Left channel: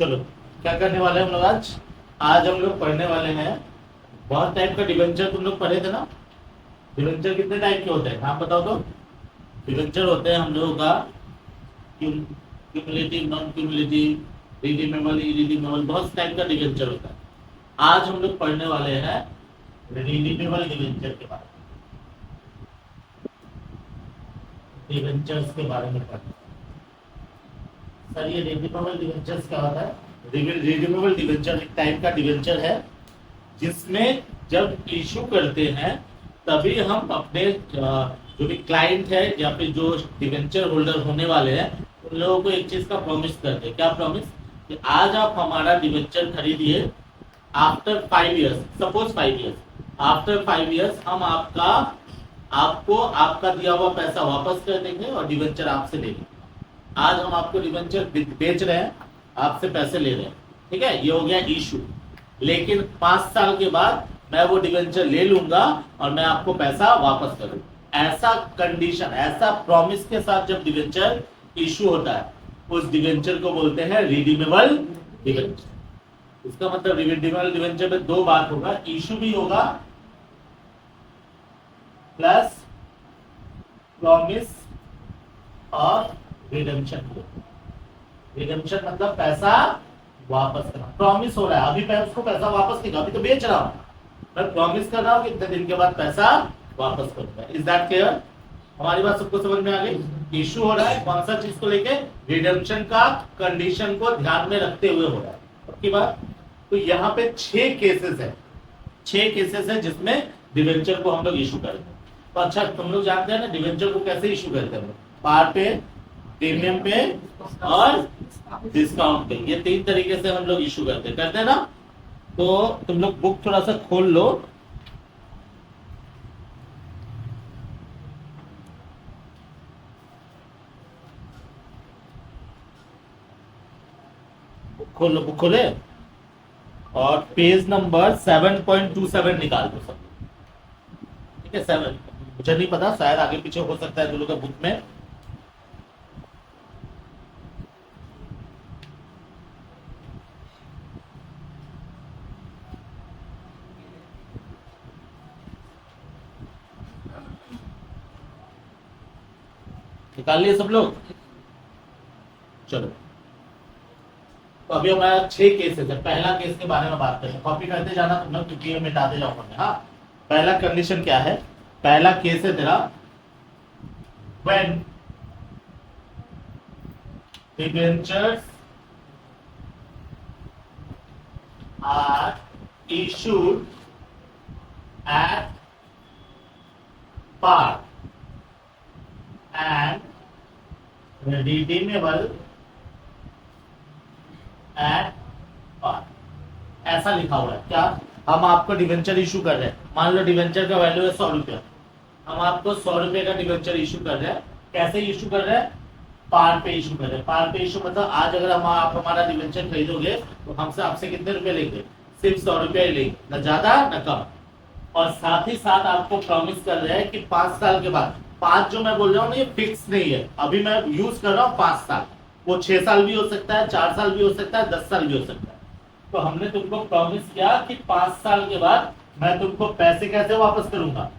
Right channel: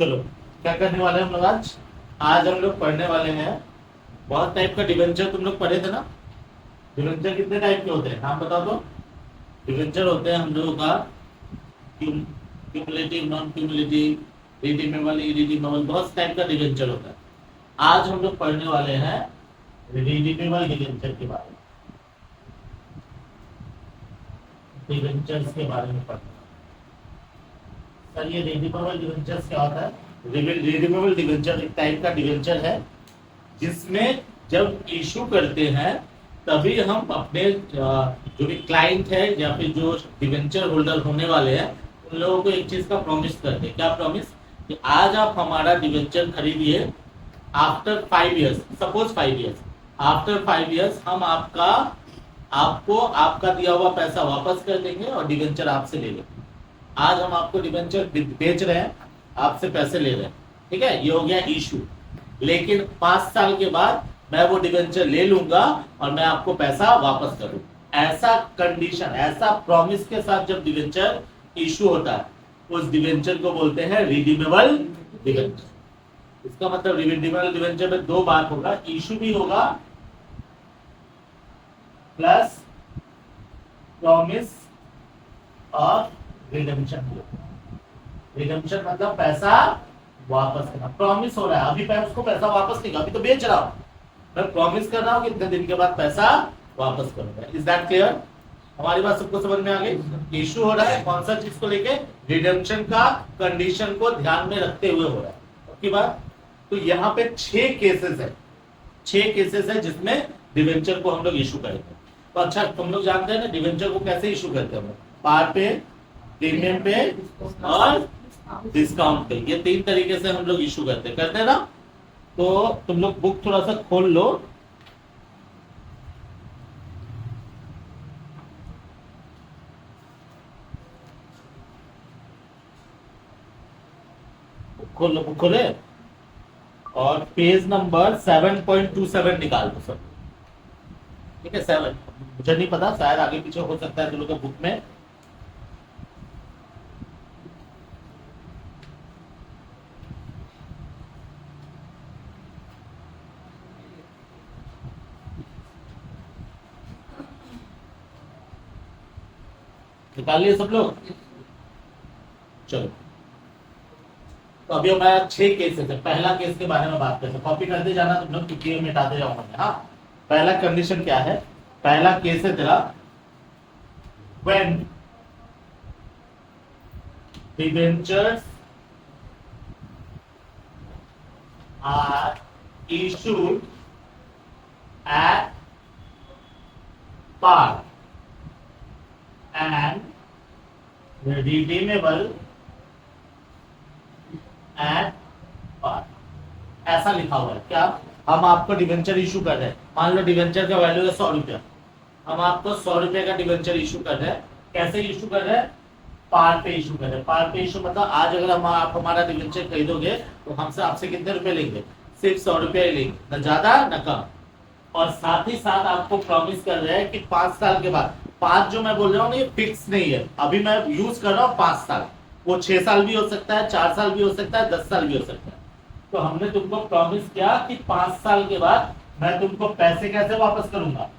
चलो क्या करने वाले हैं हम लोग आज। आज हम लोग पढ़ने वाले हैं बहुत टाइप का डिवेंचर। तुम लोग पढ़े थे ना। डिवेंचर कितने टाइप के होते हैं नाम बताओ तो। डिवेंचर होते हैं हम लोगों का cumulative, non cumulative, redeemable, irredeemable, बहुत टाइप का डिवेंचर होता है। आज हम लोग पढ़ने वाले हैं रिडीमेबल डिवेंचर के बारे में, डिवेंचर्स के बारे में पढ़ने। सर ये रिडीमेबल डिवेंचर्स क्या होता है? रिडीमेबल डिवेंचर एक टाइप का डिवेंचर है जिसमें जब इशू करते हैं तभी हम अपने जो भी क्लाइंट है या फिर जो डिवेंचर होल्डर होने वाले हैं उन लोगों को एक चीज का प्रॉमिस करते हैं। क्या प्रॉमिस? कि आज आप हमारा डिवेंचर खरीदिए, after 5 years, suppose 5 years, after 5 years हम आपको आपका दिया हुआ पैसा वापस कर देंगे और डिवेंचर आपसे लेंगे। आज हम आपको डिवेंचर बेच रहे हैं, आपसे पैसे ले रहे हैं, ठीक है, ये हो गया इशू। लेकिन 5 साल के बाद मैं वो डिवेंचर ले लूंगा और मैं आपको पैसा वापस करूं। ऐसा कंडीशन, ऐसा प्रॉमिस के साथ जब डिवेंचर इशू होता है उस डिवेंचर को बोलते हैं रिडीमेबल डिवेंचर। इसका मतलब रिडीमेबल डिवेंचर में दो बात होगा, इशू भी होगा प्लस प्रॉमिस और रिडेम्पशन भी होगा। रिडेम्पशन मतलब पैसा वापस करना। प्रॉमिस हो रहा है, अभी मैं उसको पैसा वापस नहीं, अभी तो बेच रहा हूं, मैं प्रॉमिस कर रहा हूं कि इतने दिन के बाद पैसा वापस करूंगा। Is that clear? हमारी बात सबको समझ में आ गई? इशू हो रहा है कौन सा चीज को लेके? रिडेम्पशन का कंडीशन को ध्यान में रखते हुए हो रहा है। पक्की बात? तो यहाँ पे 6 केसेस है, 6 केसेस है जिसमें डिवेंचर को हम लोग इशू करते हैं। तो अच्छा तुम लोग जानते हैं ना डिवेंचर को कैसे इशू करते हैं हम लोग? पार पे, प्रीमियम पे और डिस्काउंट पे, ये 3 तरीके से हम लोग इशू करते हैं ना। तो तुम लोग बुक थोड़ा सा खोल लो, बुक खोले और पेज नंबर 7.27 निकाल दो सब। ठीक है, 7, मुझे नहीं पता, शायद आगे पीछे हो सकता है जो लोग बुक में। निकाल लिए सब लोग? चलो, तो अभी हमारा 6 केसेस है। पहला केस के बारे में बात करते हैं, कॉपी करते जाना तुम लोग क्योंकि ये मिटाते जाऊंगा मैं। हाँ, पहला कंडीशन क्या है? पहला केस है तेरा when debentures are issued at par and redeemable at par। ऐसा लिखा हुआ है। क्या? हम आपको डिवेंचर इशू कर रहे हैं, मान लो डिवेंचर का वैल्यू है 100 रुपया, हम आपको 100 रुपए का डिवेंचर इशू कर रहे हैं। कैसे इशू कर रहे हैं? पार पे इशू कर रहे हैं। पार पे इशू मतलब आज अगर आप हमारा डिवेंचर खरीदोगे तो हमसे आपसे कितने रुपए लेंगे? सिर्फ 100 रुपया ही लेंगे, न ज्यादा न कम। और साथ ही साथ आपको प्रॉमिस कर रहे हैं कि 5 साल के बाद, 5 जो मैं बोल रहा हूँ ना ये फिक्स नहीं है, अभी मैं यूज कर रहा हूँ 5 साल, वो 6 साल भी हो सकता है, 4 साल भी हो सकता है, 10 साल भी हो सकता है। तो हमने तुमको प्रॉमिस किया कि 5 साल के बाद मैं तुमको पैसे कैसे वापस करूंगा?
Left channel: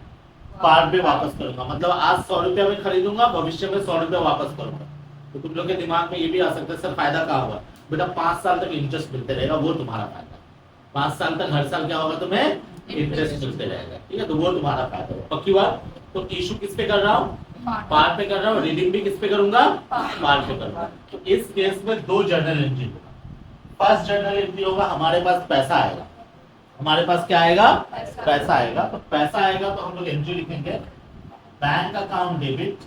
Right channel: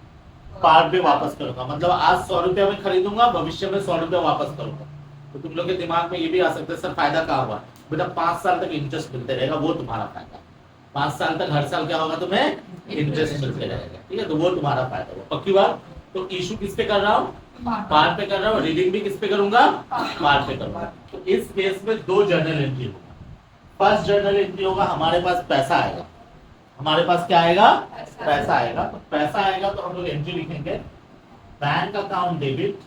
पार पे वापस करूंगा। मतलब आज 100 रुपया में खरीदूंगा, भविष्य में 100 रुपया वापस करूंगा। तो तुम लोग के दिमाग में ये भी आ सकता है सर फायदा कहाँ हुआ? बेटा 5 साल तक इंटरेस्ट मिलते रहेगा, वो तुम्हारा फायदा। 5 साल तक हर साल क्या होगा? तुम्हें इंटरेस्ट मिलते रहेगा, ठीक है, तो वो तुम्हारा फायदा होगा। पक्की बात? तो इशू किस पे कर रहा हूँ? पार पे कर रहा हूँ। रिडीम भी किस पे करूंगा? पार पे करूंगा। तो इस केस में 2 जर्नल एंट्री होगा। फर्स्ट जर्नल एंट्री होगा हमारे पास पैसा आएगा। हमारे पास क्या आएगा? पैसा आएगा। तो पैसा आएगा तो हम लोग एंट्री लिखेंगे, bank account debit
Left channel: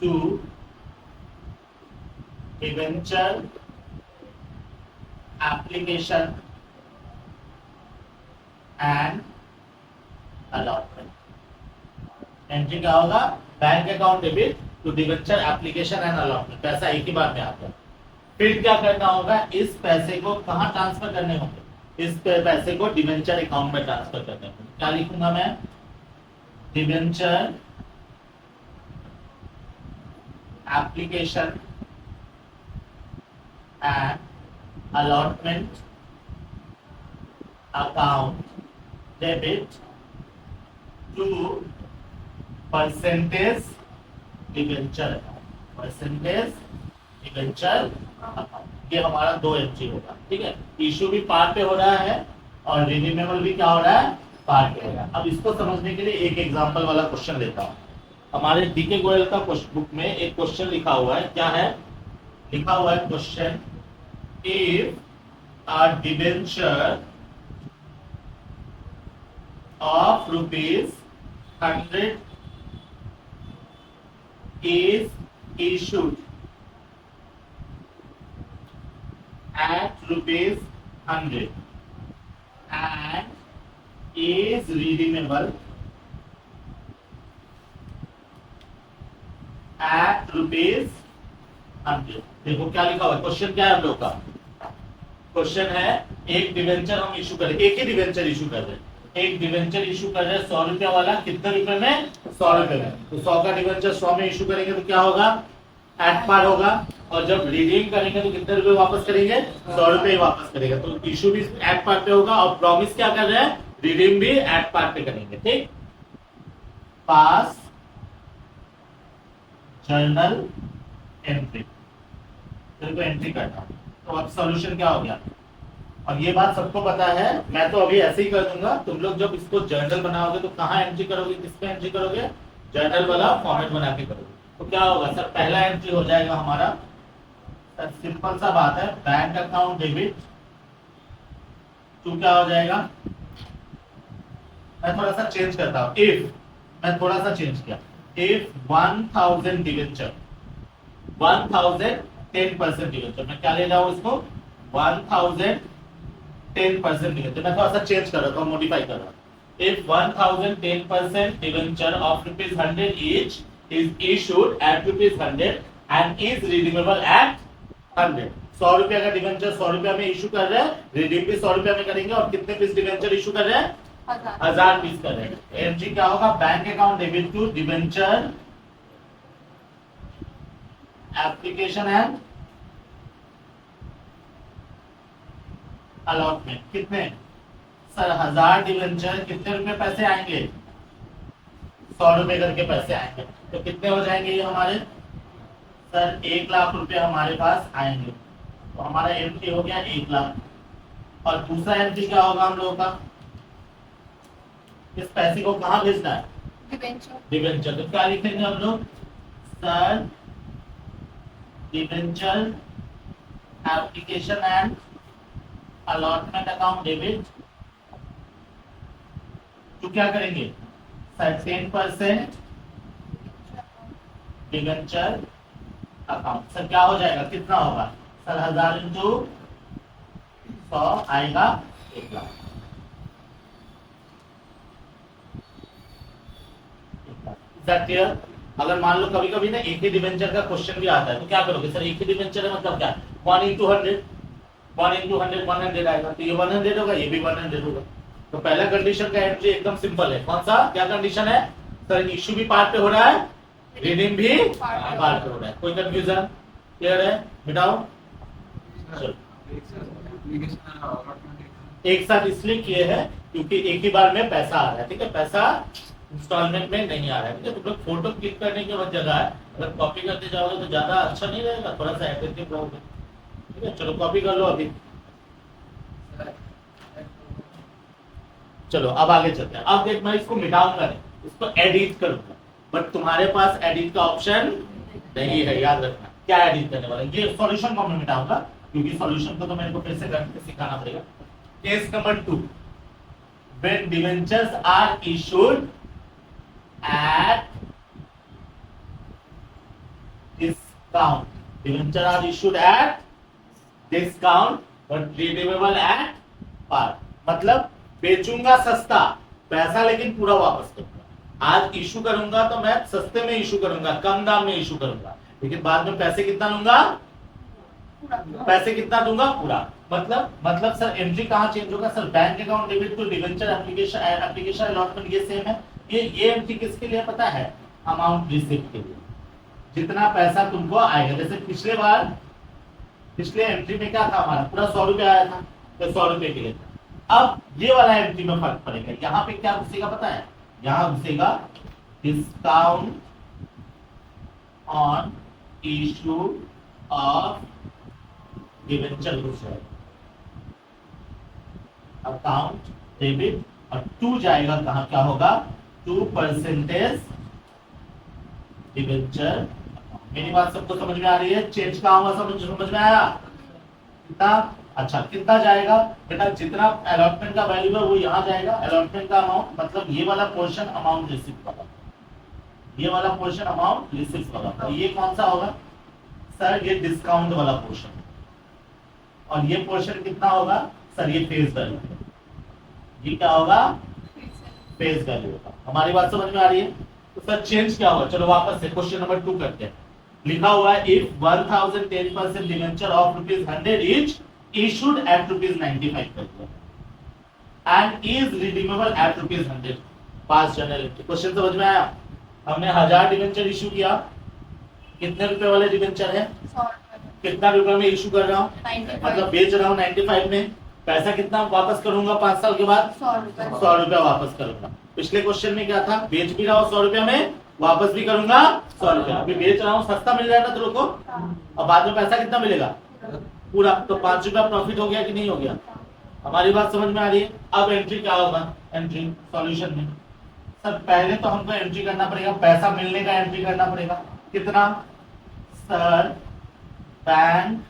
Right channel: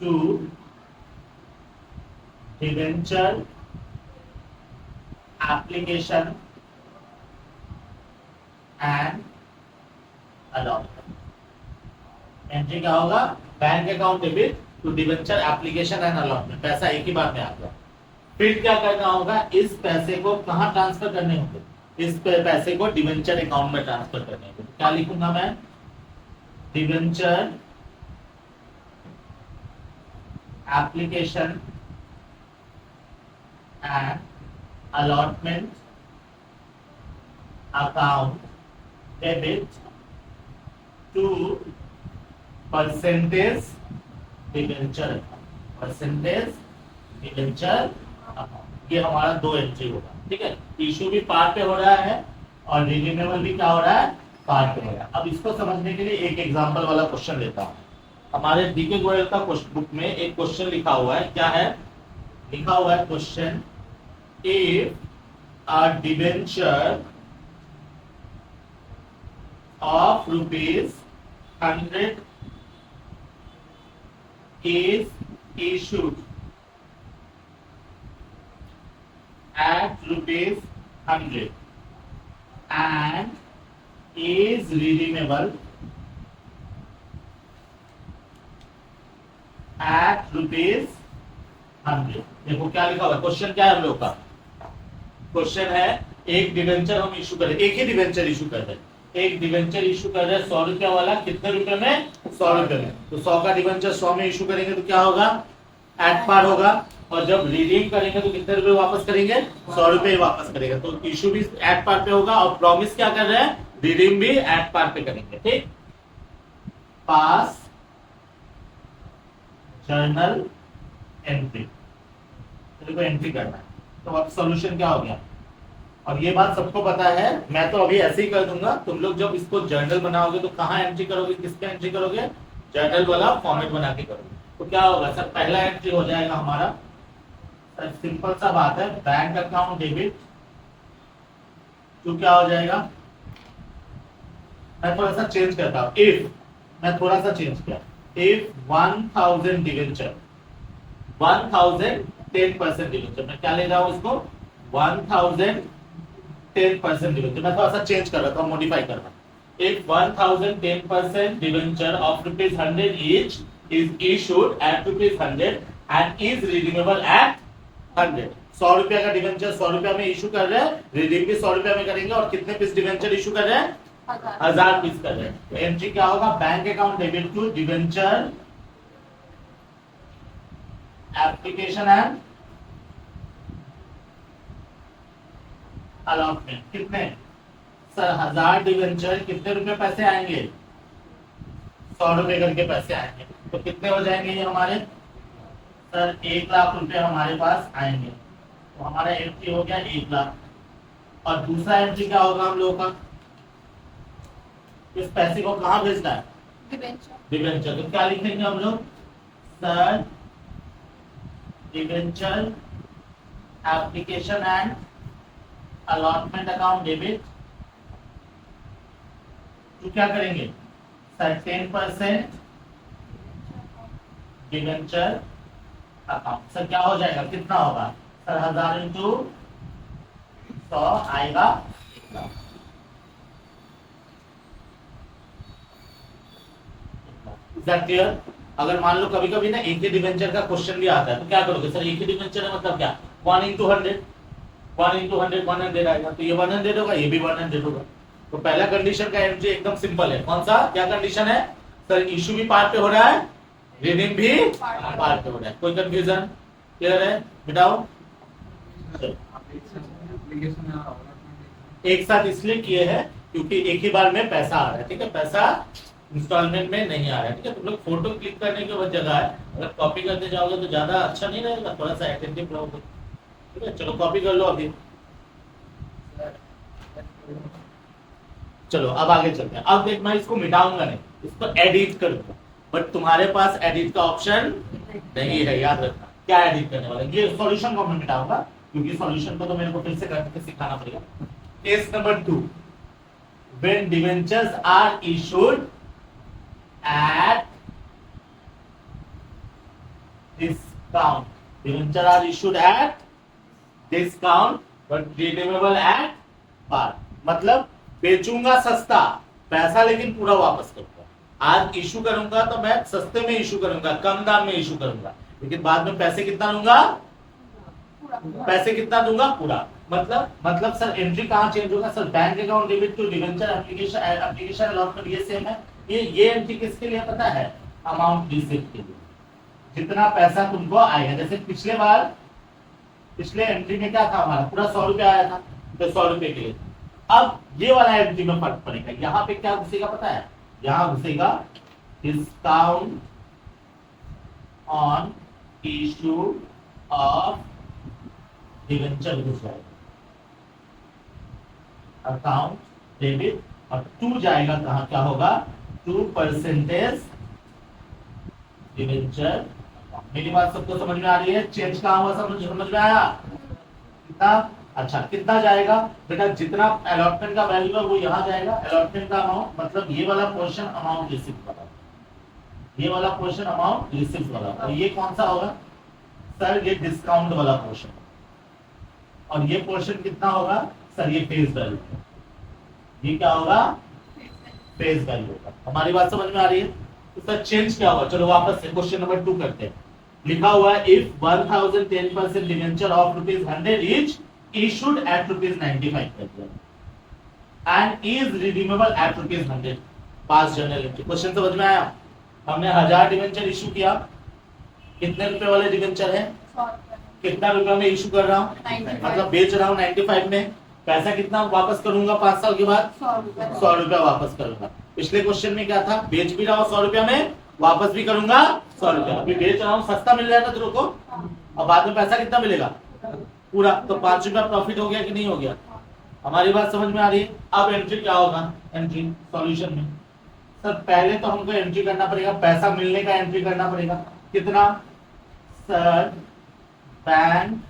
to debenture application and allotment. Entry क्या होगा? Bank account debit to debenture application and allotment. पैसा एक ही बार में आता है। फिर क्या करना होगा? इस पैसे को कहां ट्रांसफर करने होंगे? इस पैसे को डिवेंचर अकाउंट में ट्रांसफर करने होंगे। क्या लिखूंगा मैं? Debenture application and allotment account debit to percentage debenture account, percentage debenture account. ये हमारा 2 एंट्री होगा, ठीक है। इशू भी पार्ट पे हो रहा है और रिडीमेबल भी क्या हो रहा है, पार्ट पे हो रहा है। अब इसको समझने के लिए एक एग्जांपल वाला क्वेश्चन लेता हूं। हमारे डीके गोयल का बुक में एक क्वेश्चन लिखा हुआ है, क्या है लिखा हुआ है question, if a debenture of ₹100 is issued at ₹100 and is redeemable at ₹100। देखो क्या लिखा हुआ है, क्वेश्चन क्या है हम लोग का, क्वेश्चन है एक डिवेंचर हम इशू कर रहे, एक ही डिवेंचर इशू कर रहे हैं, एक डिवेंचर इशू कर रहे हैं 100 रुपया वाला, कितने रुपए में, 100 रुपए में। तो 100 का डिवेंचर 100 में इशू करेंगे तो क्या होगा, एट पार होगा, और जब रिडीम करेंगे तो कितने रुपए वापस करेंगे, 100 रुपए ही वापस करेगा। तो इशू भी एट पार पे होगा और प्रॉमिस क्या कर रहे हैं, रिडीम भी एट पार पे करेंगे, ठीक। पास जर्नल एंट्री, तेरे को एंट्री करना है। तो अब सॉल्यूशन क्या हो गया, अब ये बात सबको पता है, मैं तो अभी ऐसे ही कर दूंगा। तुम लोग जब इसको जर्नल बनाओगे तो कहाँ एंट्री करोगे, किस पे एंट्री करोगे, जर्नल वाला फॉर्मेट बना के करोगे। तो क्या होगा सर, पहला एंट्री हो जाएगा हमारा, सर सिंपल सा बात है, बैंक अकाउंट डेबिट टू क्या हो जाएगा, मैं थोड़ा सा चेंज करता हूँ, इफ मैं थोड़ा सा चेंज किया, इफ 1000 डिवेंचर 1000 10% डिवेंचर, मैं क्या ले रहा हूँ इसको 1000 10% डिवेंचर, मैं थोड़ा सा चेंज कर रहा हूँ, मॉडिफाई कर रहा हूँ। If 1000 10% debenture of ₹100 each is issued at ₹100 and is redeemable at 100। 100 रुपया का डिवेंचर 100 रुपया में इशू कर रहे हैं, रिडीम भी 100 रुपया में करेंगे, और कितने पीस डिवेंचर इशू कर रहे हैं, 1000 पीस कर रहे हैं। एंट्री क्या होगा, bank account debit to debenture application and allotment, कितने सर 1000 डिवेंचर, कितने रुपए पैसे आएंगे, 100 रुपए करके पैसे आएंगे, तो कितने हो जाएंगे ये हमारे, सर 1 लाख रुपए हमारे पास आएंगे। तो हमारा एंट्री हो गया 1 लाख, और दूसरा एंट्री क्या होगा हम लोगों का, इस पैसे को कहाँ भेजना है, डिवेंचर। तो क्या लिखेंगे हम लोग, sir debenture application and allotment account debit तो क्या करेंगे, सर 10% डिवेंचर अकाउंट। सर क्या हो जाएगा, कितना होगा, सर 1000 इंटू 100 आएगा 1 लाख। क्लियर। अगर मान लो कभी कभी ना एक ही डिवेंचर का क्वेश्चन भी आता है तो क्या करोगे, सर एक ही डिवेंचर है मतलब क्या, 1 इंटू 100 100 आएगा, तो ये 100 होगा, ये भी 100 होगा। तो पहला कंडीशन का एंट्री एकदम सिंपल है, कौन सा, क्या कंडीशन है, सर इश्यू भी पार्ट पे हो रहा है, रिडीम भी पार्ट पे हो रहा है, कोई कंफ्यूजन, क्लियर है, मिटाओ। एक साथ इसलिए किए हैं क्योंकि एक ही बार में पैसा आ रहा है, ठीक है, पैसा इंस्टॉलमेंट में नहीं आ रहा है, ठीक है। तुम लोग फोटो क्लिक करने की बहुत जगह है, अगर कॉपी करते जाओगे तो ज्यादा अच्छा नहीं रहेगा, थोड़ा सा अटेंटिव रहोगे, ठीक है। चलो कॉपी कर लो अभी, चलो अब आगे चलते हैं। अब देख मैं इसको मिटाऊंगा नहीं, इसको एडिट करूंगा, बट तुम्हारे पास एडिट का ऑप्शन नहीं है, याद रखना। क्या एडिट करने वाला, ये सॉल्यूशन को मैं मिटाऊंगा क्योंकि सॉल्यूशन को तो मेरे को फिर से करके सिखाना पड़ेगा। Case number 2, when debentures are issued at discount, debenture are issued at discount but redeemable at par, मतलब बेचूंगा सस्ता पैसा लेकिन पूरा वापस करूंगा। आज इशू करूंगा तो मैं सस्ते में इशू करूंगा, कम दाम में इशू करूंगा, लेकिन बाद में पैसे कितना लूंगा, पैसे कितना दूंगा, पूरा। मतलब सर एंट्री कहाँ चेंज होगा, sir bank account debit to debenture application allotment, ये सेम है। ये एंट्री किसके लिए पता है, अमाउंट रिसीव के लिए, जितना पैसा तुमको आएगा। जैसे पिछले बार पिछले एंट्री में क्या था हमारा, पूरा 100 रुपये आया था, तो 100 रुपये के लिए। अब ये वाला एंट्री में फर्क पड़ेगा, यहाँ पे क्या घुसेगा पता है, यहाँ घुसेगा discount on issue of debenture घुस जाएगा, अकाउंट डेबिट, और 2 जाएगा कहाँ, क्या होगा 2% डिवेंचर। मेरी बात सबको समझ में आ रही है, चेंज कहाँ हुआ, समझ में आया कितना, अच्छा कितना जाएगा बेटा, जितना अलॉटमेंट का वैल्यू है वो यहाँ जाएगा, अलॉटमेंट का अमाउंट मतलब ये वाला पोर्शन अमाउंट रिसीव वाला, ये वाला पोर्शन अमाउंट रिसीव वाला, और ये कौन सा होगा सर, ये डिस्काउंट वाला पोर्शन, और ये पोर्शन कितना होगा सर, ये फेस वैल्यू, ये क्या होगा फेस वैल्यू होगा। हमारी बात समझ में आ रही है, तो सर चेंज क्या होगा, चलो वापस से क्वेश्चन नंबर 2 करते हैं। लिखा हुआ है if 1010% debenture of ₹100 etch issued at ₹95 per year and is redeemable at ₹100 pass general entry. Question समझ में आया, हमने 1000 डिवेंचर इशू किया, कितने रुपए वाले डिवेंचर है, 100 रुपए कितना रुपए में इशू कर रहा हूँ, 95 मतलब बेच रहा हूँ 95 में, पैसा कितना वापस करूंगा 5 साल के बाद 100 रुपए 100 रुपया वापस करूंगा। पिछले क्वेश्चन में क्या था, बेच भी रहा हूँ 100 रुपया में, वापस भी करूंगा 100 रुपया, अभी बेच रहा हूँ सस्ता मिल रहा है ना तेरे को, और बाद में पैसा कितना मिलेगा पूरा, तो 5 रुपया प्रॉफिट हो गया कि नहीं हो गया, हमारी बात समझ में आ रही है। अब एंट्री क्या होगा, एंट्री सॉल्यूशन में सर पहले तो हमको एंट्री करना पड़ेगा, पैसा मिलने का एंट्री करना पड़ेगा, कितना sir, bank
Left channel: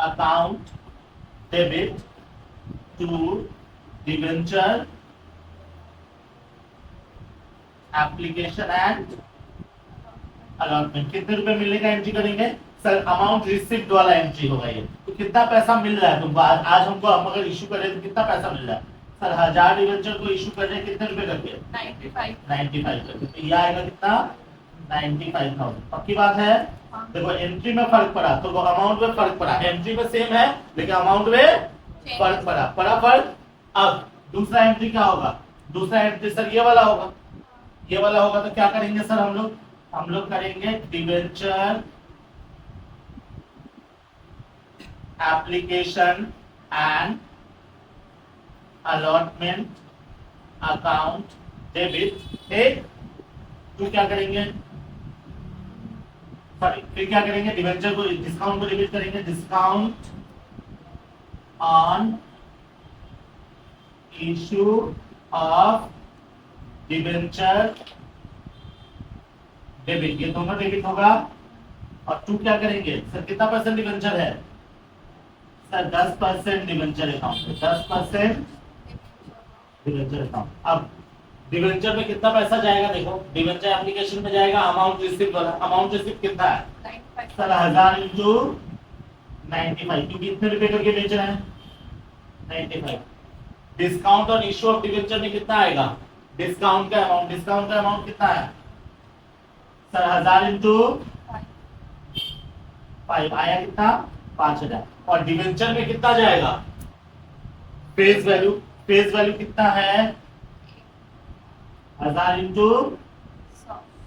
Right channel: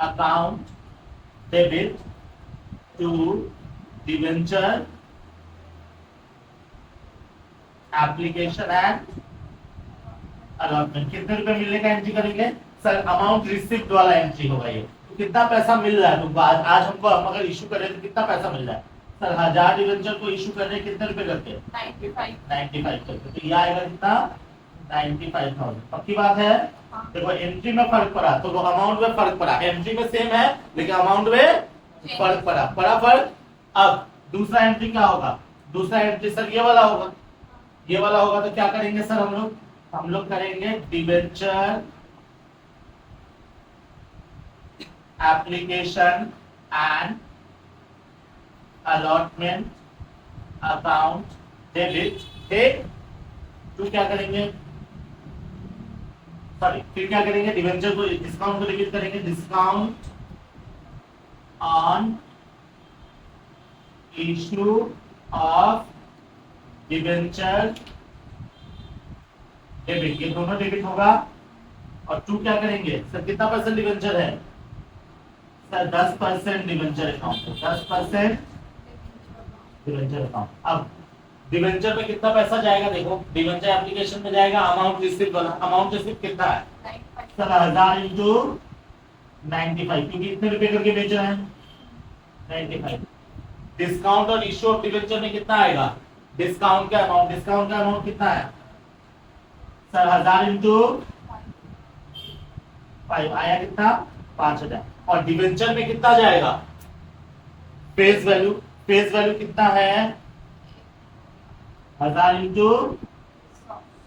account debit to debenture application and allotment, कितने रुपए मिलने का एंट्री करेंगे सर, अमाउंट रिसिप्ट वाला एंट्री होगा ये, तो कितना पैसा मिल रहा है, तो आज हमको हम अगर इशू कर रहे हैं तो कितना पैसा मिल रहा है सर, 1000 डिवेंचर को इशू कर रहे हैं कितने रुपए करके 95 करके, तो ये आएगा कितना 95,000, पक्की बात है। हाँ। देखो एंट्री में फर्क पड़ा तो वो अमाउंट में फर्क पड़ा, एंट्री में सेम है लेकिन अमाउंट में फर्क पड़ा फर्क। अब दूसरा एंट्री क्या होगा, दूसरा एंट्री सर ये वाला होगा, ये वाला होगा, तो क्या करेंगे सर हम लोग करेंगे debenture application and allotment account debit, ठीक, तो क्या करेंगे सॉरी, फिर क्या करेंगे, डिवेंचर को डिस्काउंट को डेबिट करेंगे, discount on issue of debenture debit, ये दोनों डेबिट होगा, और 2 क्या करेंगे सर, कितना परसेंट डिवेंचर है सर, 10% डिवेंचर अकाउंट है, 10% डिवेंचर अकाउंट। अब डिवेंचर में कितना पैसा जाएगा, देखो डिवेंचर एप्लीकेशन में जाएगा अमाउंट रिसिप्ट वाला, अमाउंट रिसिप्ट कितना है सर 1000 इंटू 95, क्योंकि इतने रुपए करके बेच रहे हैं 95। डिस्काउंट और इशू ऑफ डिवेंचर में कितना आएगा, डिस्काउंट का अमाउंट कितना है सर, 1000 इंटू 5 आया कितना 5000, और डिवेंचर में कितना जाएगा फेस वैल्यू कितना है 1000 इंटू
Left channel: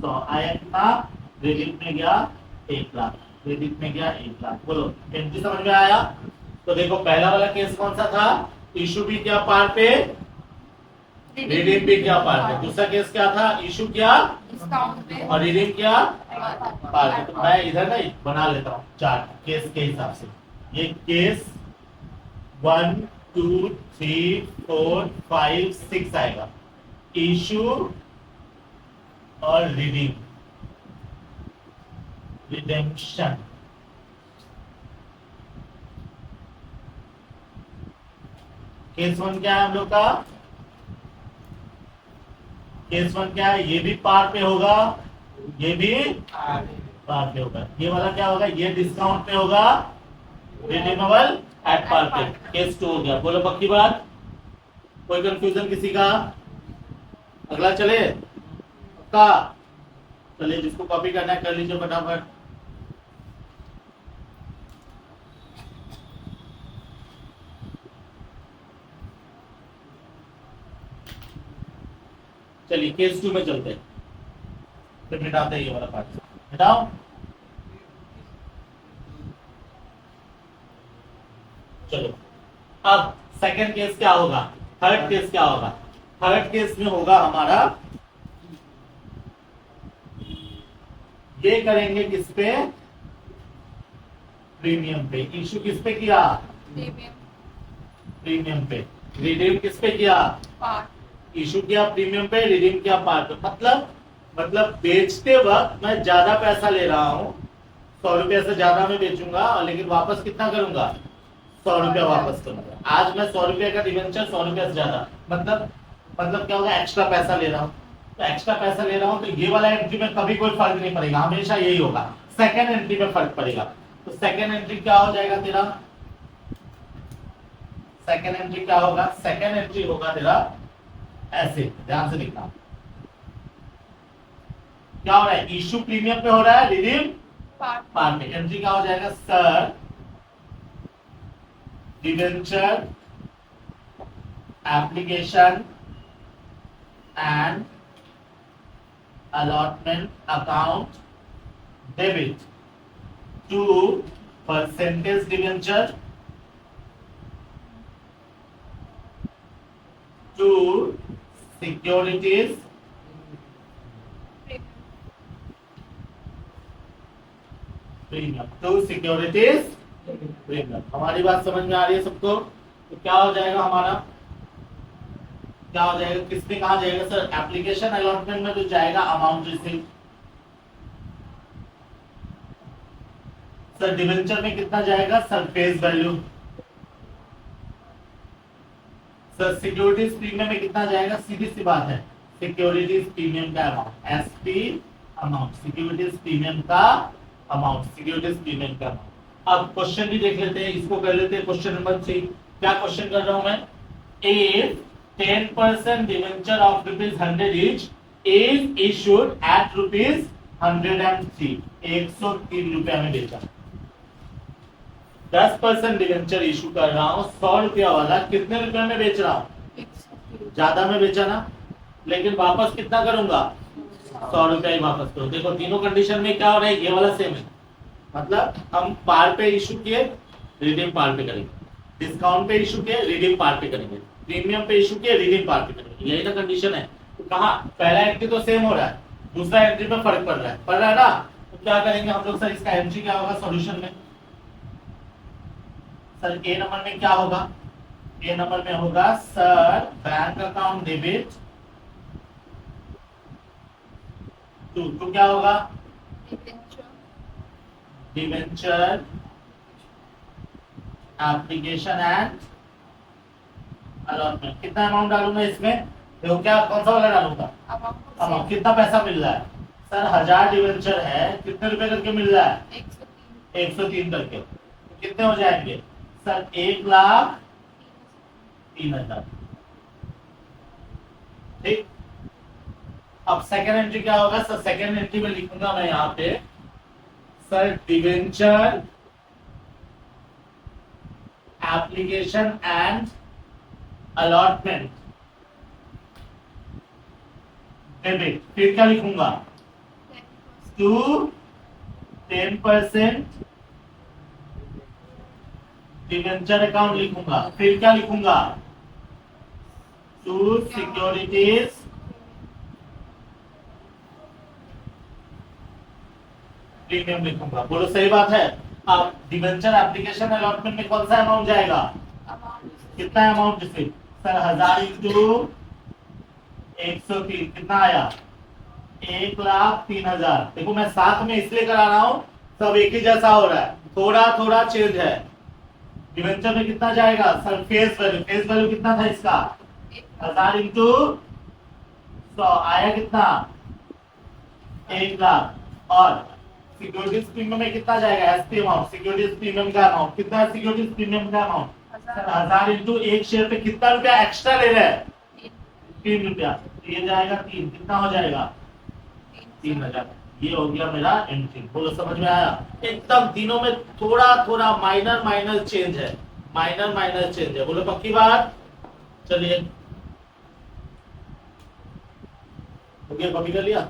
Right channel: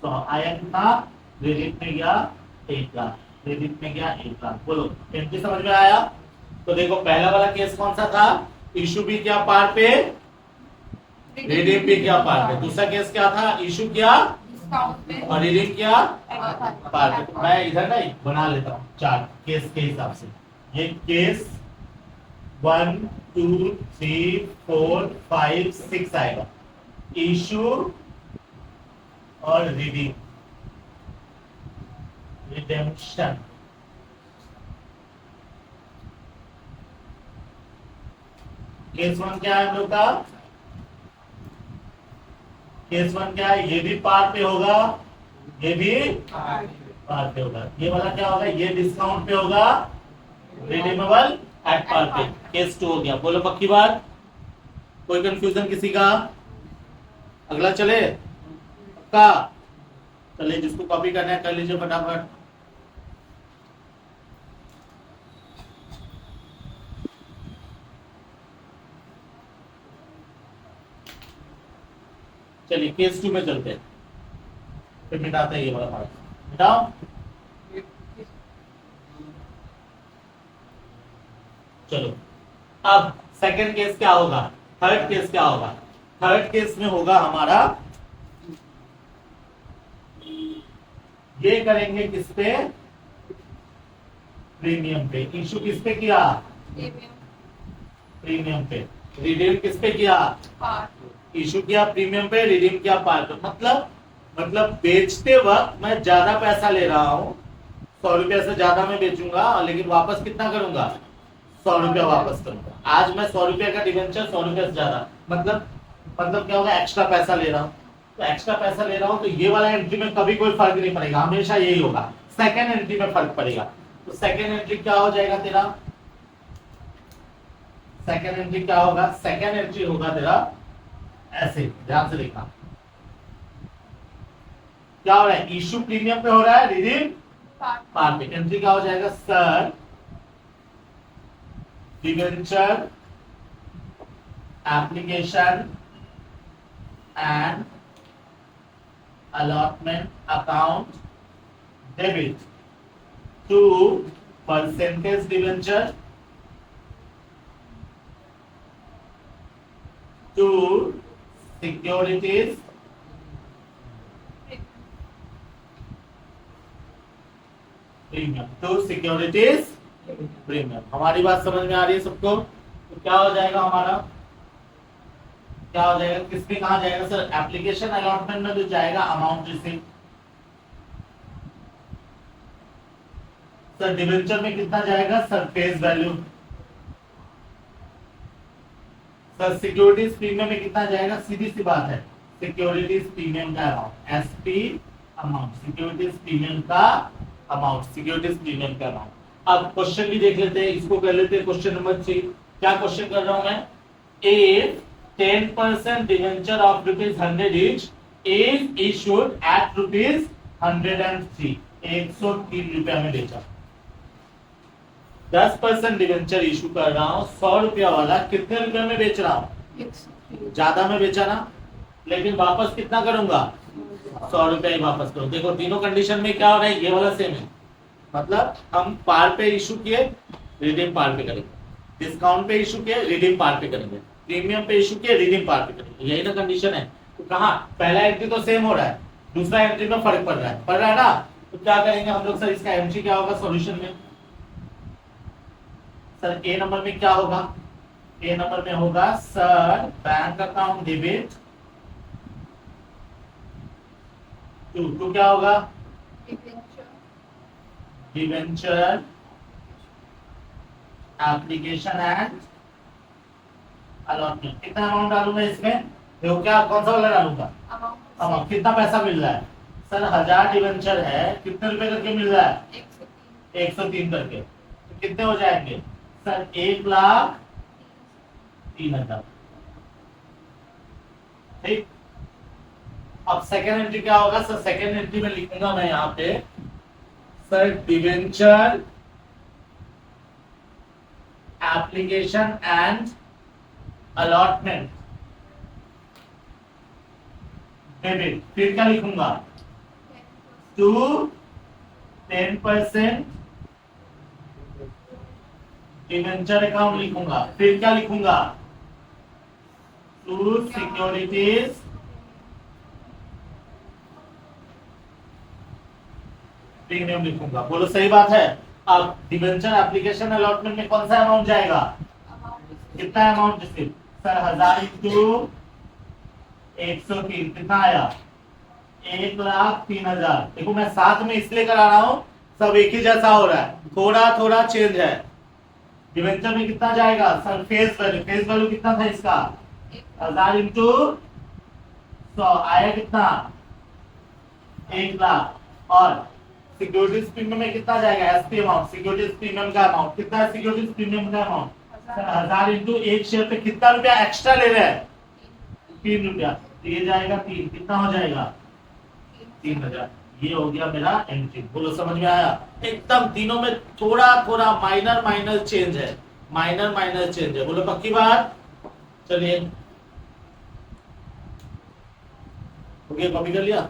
100 आया कितना, क्रेडिट में गया 1 लाख, क्रेडिट में गया 1 लाख। बोलो एंट्री समझ में आया। तो देखो पहला वाला केस कौन सा था, इशू भी क्या पार पे, रिडीम भी क्या पार पे, दूसरा केस क्या था, इशू क्या और रिडीम क्या पार पे। तो मैं इधर ना बना लेता हूँ चार्ट केस के हिसाब से, ये केस 1 2 3 4 5 6 आएगा, इशू और रिडीम, रिडेम्पशन। केस 1 क्या है हम लोग का, केस 1 क्या है, ये भी पार पे होगा, ये भी पार पे होगा, ये वाला क्या होगा, ये डिस्काउंट पे होगा, रिडीमेबल एट पार पे। केस 2 हो गया, बोलो पक्की बात, कोई कंफ्यूजन किसी का, अगला चले पक्का, चलिए जिसको कॉपी करना है कर लीजिए फटाफट। चलिए केस 2 में चलते हैं, फिर मिटाते हैं ये वाला पार्ट, मिटाओ चलो अब सेकंड केस क्या होगा, थर्ड केस क्या होगा। थर्ड केस में होगा हमारा, ये करेंगे किस पे, प्रीमियम पे। इशू किस पे किया, प्रीमियम पे। रिडीम किस पे किया, इशू किया प्रीमियम पे, रिडीम किया पार्ट पे। मतलब बेचते वक्त मैं ज्यादा पैसा ले रहा हूं, 100 रुपए से ज्यादा मैं बेचूंगा, और लेकिन वापस कितना करूंगा, 100 रुपया वापस करूंगा। आज मैं 100 रुपए का डिवेंचर 100 रुपए से ज्यादा, मतलब क्या होगा, एक्स्ट्रा पैसा ले रहा हूँ। तो एक्स्ट्रा पैसा ले रहा हूँ तो ये वाला एंट्री में कभी कोई फर्क नहीं पड़ेगा, हमेशा यही होगा। सेकेंड एंट्री में फर्क पड़ेगा। तो सेकेंड एंट्री क्या हो जाएगा तेरा, सेकेंड एंट्री क्या होगा, सेकेंड एंट्री होगा तेरा ऐसे, ध्यान से देखना क्या हो रहा है, इशू प्रीमियम पे हो रहा है, रिडीम पार्ट पे। एंट्री क्या हो जाएगा, sir debenture application and allotment account debit to percentage debenture to securities premium, to securities premium. हमारी बात समझ में आ रही है सबको। तो क्या हो जाएगा हमारा, क्या हो जाएगा, किसमें कहा जाएगा सर, एप्लीकेशन अलॉटमेंट में जो जाएगा अमाउंट रिसीव। सर डिवेंचर में कितना जाएगा sir, face value. Sir securities premium में कितना जाएगा, सीधी सी बात है, सिक्योरिटीज प्रीमियम का amount, SP amount, securities premium का अमाउंट, सिक्योरिटीज प्रीमियम का अमाउंट। अब क्वेश्चन भी देख लेते हैं, इसको कर लेते हैं क्वेश्चन नंबर 3। क्या क्वेश्चन कर रहा हूं मैं, if 10% debenture of ₹100 each is issued at ₹103, 103 रुपया में बेचा। 10% डिवेंचर इशू कर रहा हूं, 100 रुपया वाला कितने रुपए में बेच रहा हूं, ज्यादा में बेचा ना, लेकिन वापस कितना करूंगा, 100 रुपया ही वापस करूं। देखो तीनों कंडीशन में क्या हो रहा है, ये वाला सेम है। मतलब हम पार पे इशू किए, रिडीम पार पे करेंगे, डिस्काउंट पे इशू किए, रिडीम पार पे करेंगे, प्रीमियम पे इशू किए, रिडीम पार पे करेंगे, यही ना कंडीशन है। तो कहा पहला एंट्री तो सेम हो रहा है, दूसरा एंट्री में फर्क पड़ रहा है ना। तो क्या करेंगे हम लोग सर, इसका एंट्री क्या होगा सॉल्यूशन में, सर ए नंबर में क्या होगा, ए नंबर में होगा sir bank account debit to क्या होगा, डिवेंचर एप्लीकेशन एंड अलॉटमेंट। कितना अमाउंट डालूंगा इसमें, देखो क्या कौन सा वाला डालूंगा, अमाउंट। कितना पैसा मिल रहा है सर, 1000 डिवेंचर है, कितने रुपए करके मिल रहा है, 103 करके। तो कितने हो जाएंगे सर, 1,03,000। ठीक। अब सेकेंड एंट्री क्या होगा सर, सेकेंड एंट्री में लिखूंगा मैं यहाँ पे sir debenture application and allotment debit, फिर क्या लिखूंगा, टू 10% डिवेंचर अकाउंट लिखूंगा, फिर क्या लिखूंगा, टू सिक्योरिटीज प्रीमियम लिखूंगा। बोलो सही बात है। अब डिवेंचर एप्लीकेशन अलॉटमेंट में कौन सा अमाउंट जाएगा, कितना अमाउंट रिसीव सर, 1000 इंटू 103 कितना आया, 1,03,000। देखो मैं साथ में इसलिए करा रहा हूं, सब एक ही जैसा हो रहा है, थोड़ा थोड़ा चेंज है। डिवेंचर में कितना जाएगा sir, face value, face value कितना था इसका, 1000 इंटू 100 आया कितना, 1,00,000। और सिक्योरिटीज प्रीमियम में कितना जाएगा, एसपी अमाउंट, सिक्योरिटीज प्रीमियम का अमाउंट कितना है, सिक्योरिटीज प्रीमियम का अमाउंट सर 1000 इंटू एक शेयर पे कितना रुपया एक्स्ट्रा ले रहा है, 3 रुपया। तो ये जाएगा 3, कितना हो जाएगा 3,000। ये हो गया मेरा एंट्री। बोलो समझ में आया, एकदम तीनों में थोड़ा थोड़ा माइनर माइनर चेंज है, माइनर माइनर चेंज है। बोलो पक्की बात। चलिए हो गया, कॉपी कर लिया।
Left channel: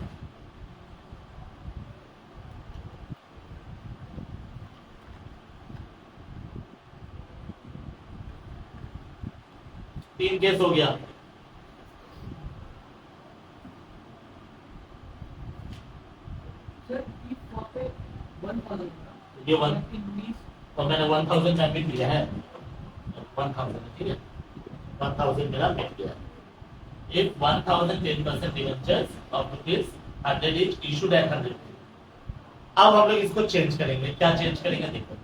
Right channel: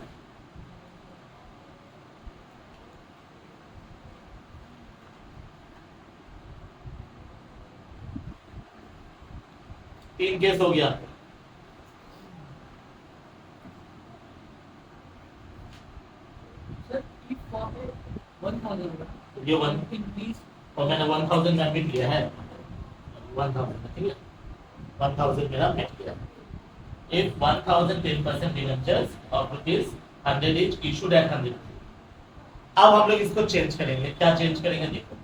तीन केस हो गया। ये वन और मैंने 1000 सबमिट किया है, 1000 ठीक है, 1000 मेरा मिट गया। If 1000 10% debentures of rupees 100 is issued at 100, अब हम लोग इसको चेंज करेंगे। क्या चेंज करेंगे देखो,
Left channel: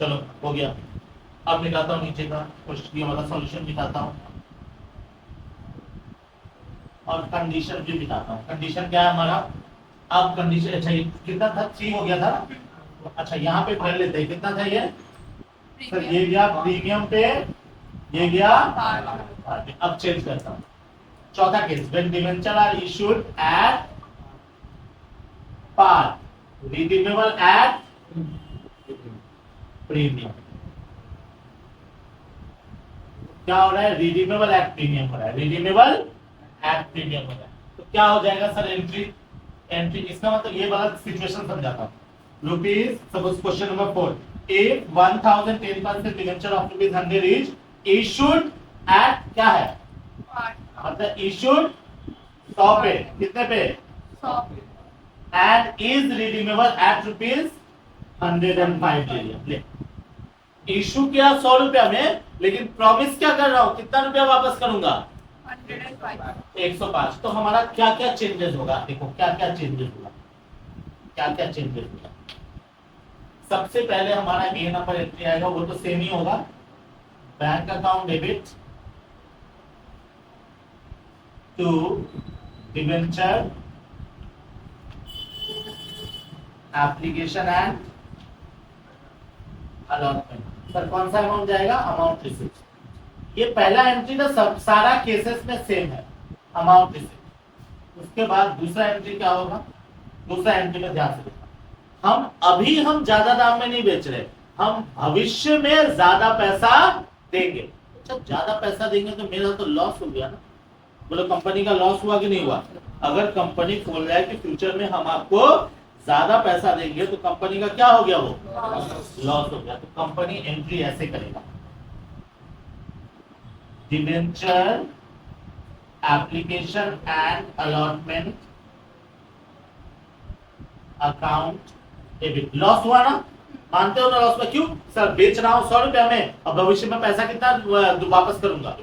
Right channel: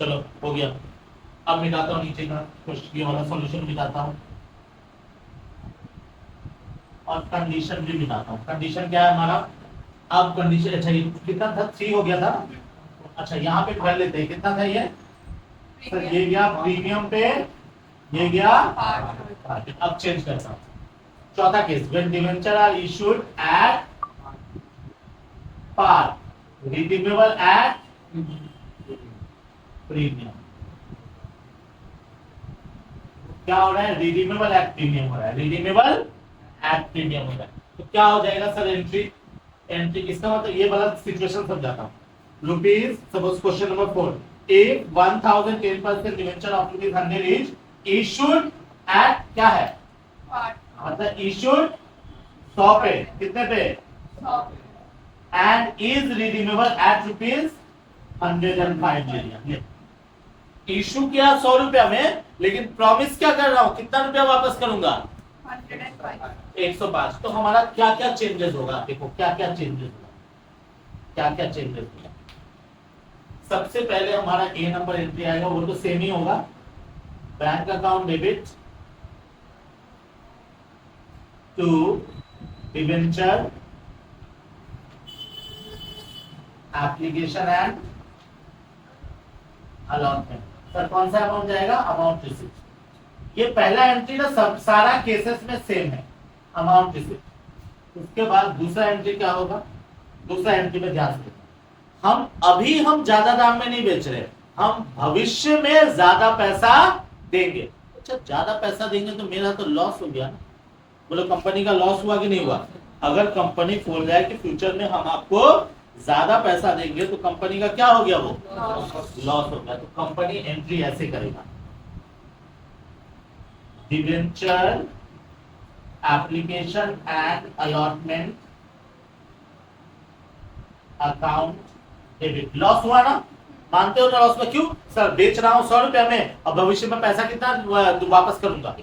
चलो हो गया। अब मिटाता हूँ नीचे का क्वेश्चन वाला सॉल्यूशन मिटाता हूँ और कंडीशन भी मिटाता हूँ। कंडीशन क्या है हमारा, अब कंडीशन अच्छा ये कितना था, 3 हो गया था। अच्छा यहाँ पे कर लेते हैं, कितना था ये सर, ये गया प्रीमियम पे, ये गया। अब चेंज करता हूँ। चौथा case, when debenture are issued at par, redeemable at premium. क्या हो रहा है, रिडीमेबल एट प्रीमियम हो रहा है, रिडीमेबल एट प्रीमियम हो रहा है। तो क्या हो जाएगा सर, एंट्री एंट्री इसका मतलब ये वाला सिचुएशन समझाता हूँ। Rupees suppose question number 4, if 1000 10% debenture of rupees 100 is issued at क्या है, मतलब इशूड 100 पे, कितने पे 100 पे, and is redeemable eight rupees 105 ले लिया। ले इशू किया 100 रुपया में, लेकिन प्रॉमिस क्या कर रहा हूं, कितना रुपया वापस करूंगा 105। तो हमारा क्या क्या चेंजेस होगा, देखो क्या क्या चेंजेस होगा, क्या क्या चेंजेस होगा। सबसे पहले हमारा ए नंबर एंट्री आएगा, वो तो सेम ही होगा, bank account debit to debenture application and allotment. Sir कौन सा अमाउंट जाएगा, अमाउंट रिसिप्ट। ये पहला एंट्री ना सब सारा केसेस में सेम है, अमाउंट रिसिप्ट। उसके बाद दूसरा एंट्री क्या होगा, दूसरा एंट्री में ध्यान से, हम ज्यादा दाम में नहीं बेच रहे, हम भविष्य में ज्यादा पैसा देंगे। अच्छा ज्यादा पैसा देंगे तो मेरा तो लॉस हो गया ना, बोलो कंपनी का लॉस हुआ कि नहीं हुआ। अगर कंपनी बोल रहा है कि फ्यूचर में हम आपको ज्यादा पैसा देंगे तो कंपनी का क्या हो गया, वो लॉस हो गया। तो कंपनी एंट्री ऐसे करेगा, debenture application and allotment account debit. Loss हुआ ना, मानते हो ना लॉस का, क्यों सर बेच रहा हूं 100 रुपया में, अब भविष्य में पैसा कितना वापस करूंगा,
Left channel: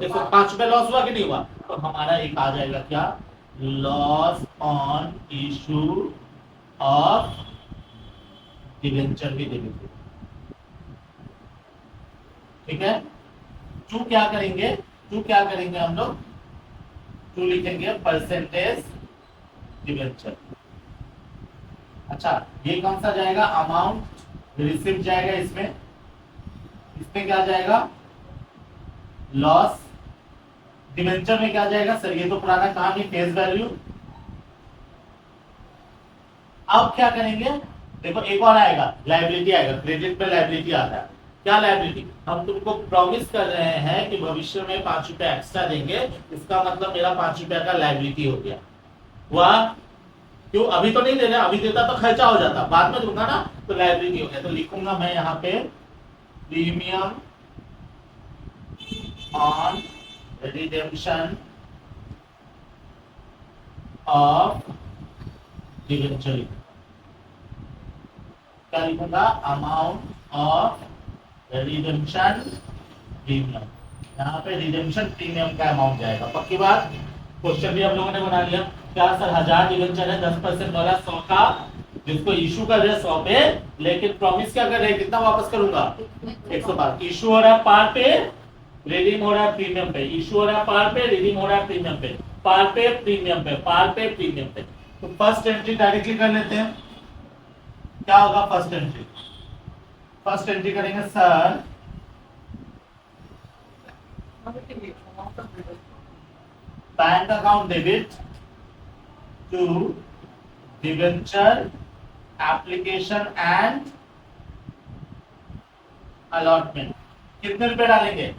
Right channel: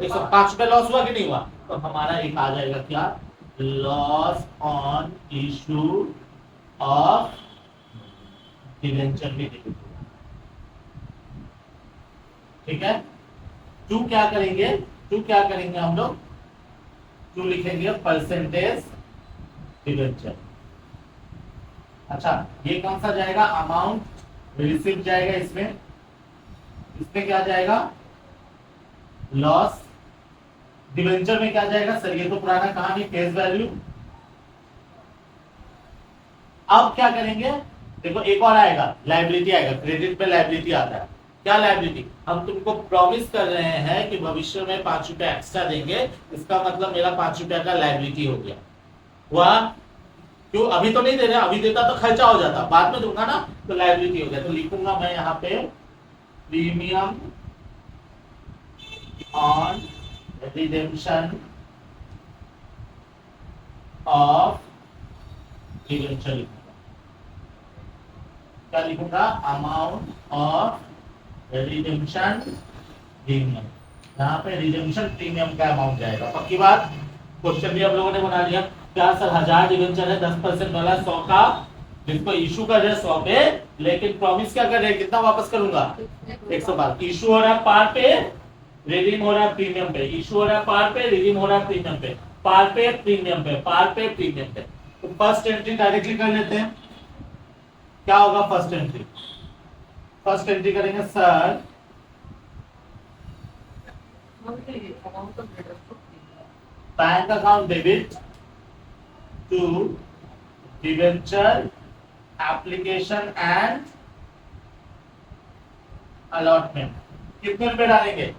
105 रुपया लॉस हुआ कि नहीं हुआ। तो हमारा एक आ जाएगा क्या, loss on issue of debenture भी डेबिट। ठीक है, टू क्या करेंगे, टू क्या करेंगे हम लोग, टू लिखेंगे परसेंटेज डिबेंचर। अच्छा ये कौन सा जाएगा, अमाउंट रिसिप्ट जाएगा इसमें, इसमें क्या जाएगा लॉस, डिबेंचर में क्या जाएगा सर, ये तो पुराना कहानी फेस वैल्यू। अब क्या करेंगे, देखो एक और आएगा, लायबिलिटी आएगा, क्रेडिट पे लायबिलिटी आता है। क्या लायबिलिटी, हम तुमको प्रॉमिस कर रहे हैं कि भविष्य में 5 रुपया एक्स्ट्रा देंगे, इसका मतलब मेरा 5 रुपया का लायबिलिटी हो गया। हुआ क्यों, अभी तो नहीं दे रहे, अभी देता तो खर्चा हो जाता, बाद में दूंगा ना तो लायबिलिटी हो गया। तो लिखूंगा मैं यहाँ पे premium on redemption of debenture. क्या लिखूंगा, अमाउंट ऑफ रिडेम्पशन प्रीमियम। यहाँ पे रिडेम्पशन प्रीमियम का अमाउंट जाएगा। पक्की बात, क्वेश्चन भी हम लोगों ने बना लिया। क्या सर 1000 डिबेंचर है, 10% वाला 100 का, जिसको इशू कर रहे हैं 100 पे, लेकिन प्रॉमिस क्या कर रहे हैं, कितना वापस करूंगा 105। इशू हो रहा है पार पे, रिडीम हो रहा है प्रीमियम पे, इशू हो रहा है पार पे, रिडीम हो रहा है प्रीमियम पे, पार पे प्रीमियम पे, पार पे प्रीमियम पे। तो फर्स्ट एंट्री डायरेक्टली कर लेते हैं। क्या होगा फर्स्ट एंट्री, फर्स्ट एंट्री करेंगे sir, bank account debit to debenture application and allotment. कितने रुपए डालेंगे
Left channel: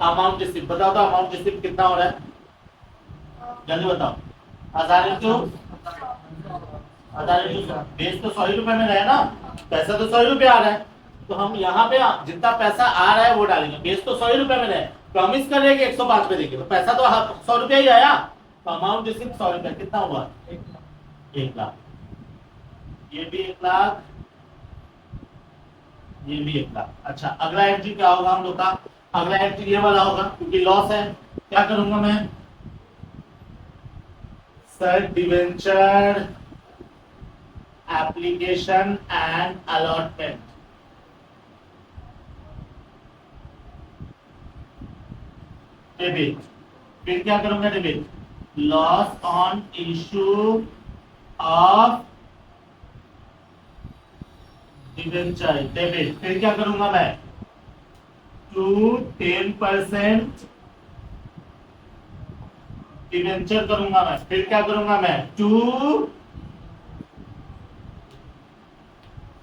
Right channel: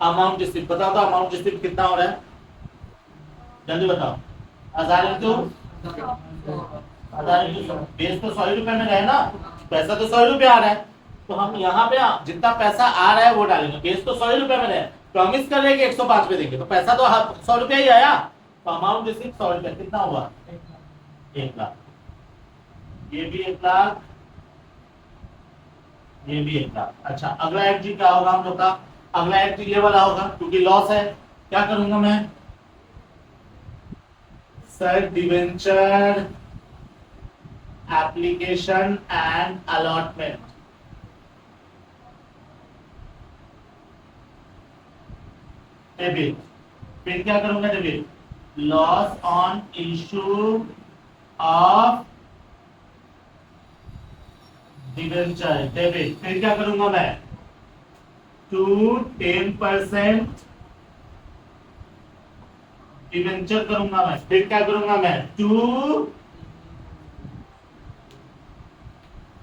अमाउंट रिसीव बताओ तो अमाउंट रिसीव कितना हो रहा है, जल्दी बताओ। 1000 इंटू 1000 इंटू बेस तो 100 रुपए में रहे ना, पैसा तो 100 रुपए आ रहा है, तो हम यहाँ पे जितना पैसा आ रहा है वो डालेंगे। बेस तो 100 रुपए में रहे, प्रॉमिस कर रहे हैं कि 105 पे देंगे, तो पैसा तो 100 रुपया ही आया, तो अमाउंट रिसीव 100 रुपया कितना हुआ, 1 लाख। ये भी 1 लाख, ये भी 1 लाख। अच्छा अगला एंट्री क्या होगा हम लोग का, अगला एंट्री ये वाला होगा, क्योंकि लॉस है। क्या करूंगा मैं sir, debenture application and allotment, debit. फिर क्या करूंगा, debit loss on issue of debenture, debit. फिर क्या करूंगा मैं, टू 10% डिवेंचर करूंगा मैं। फिर क्या करूंगा मैं, to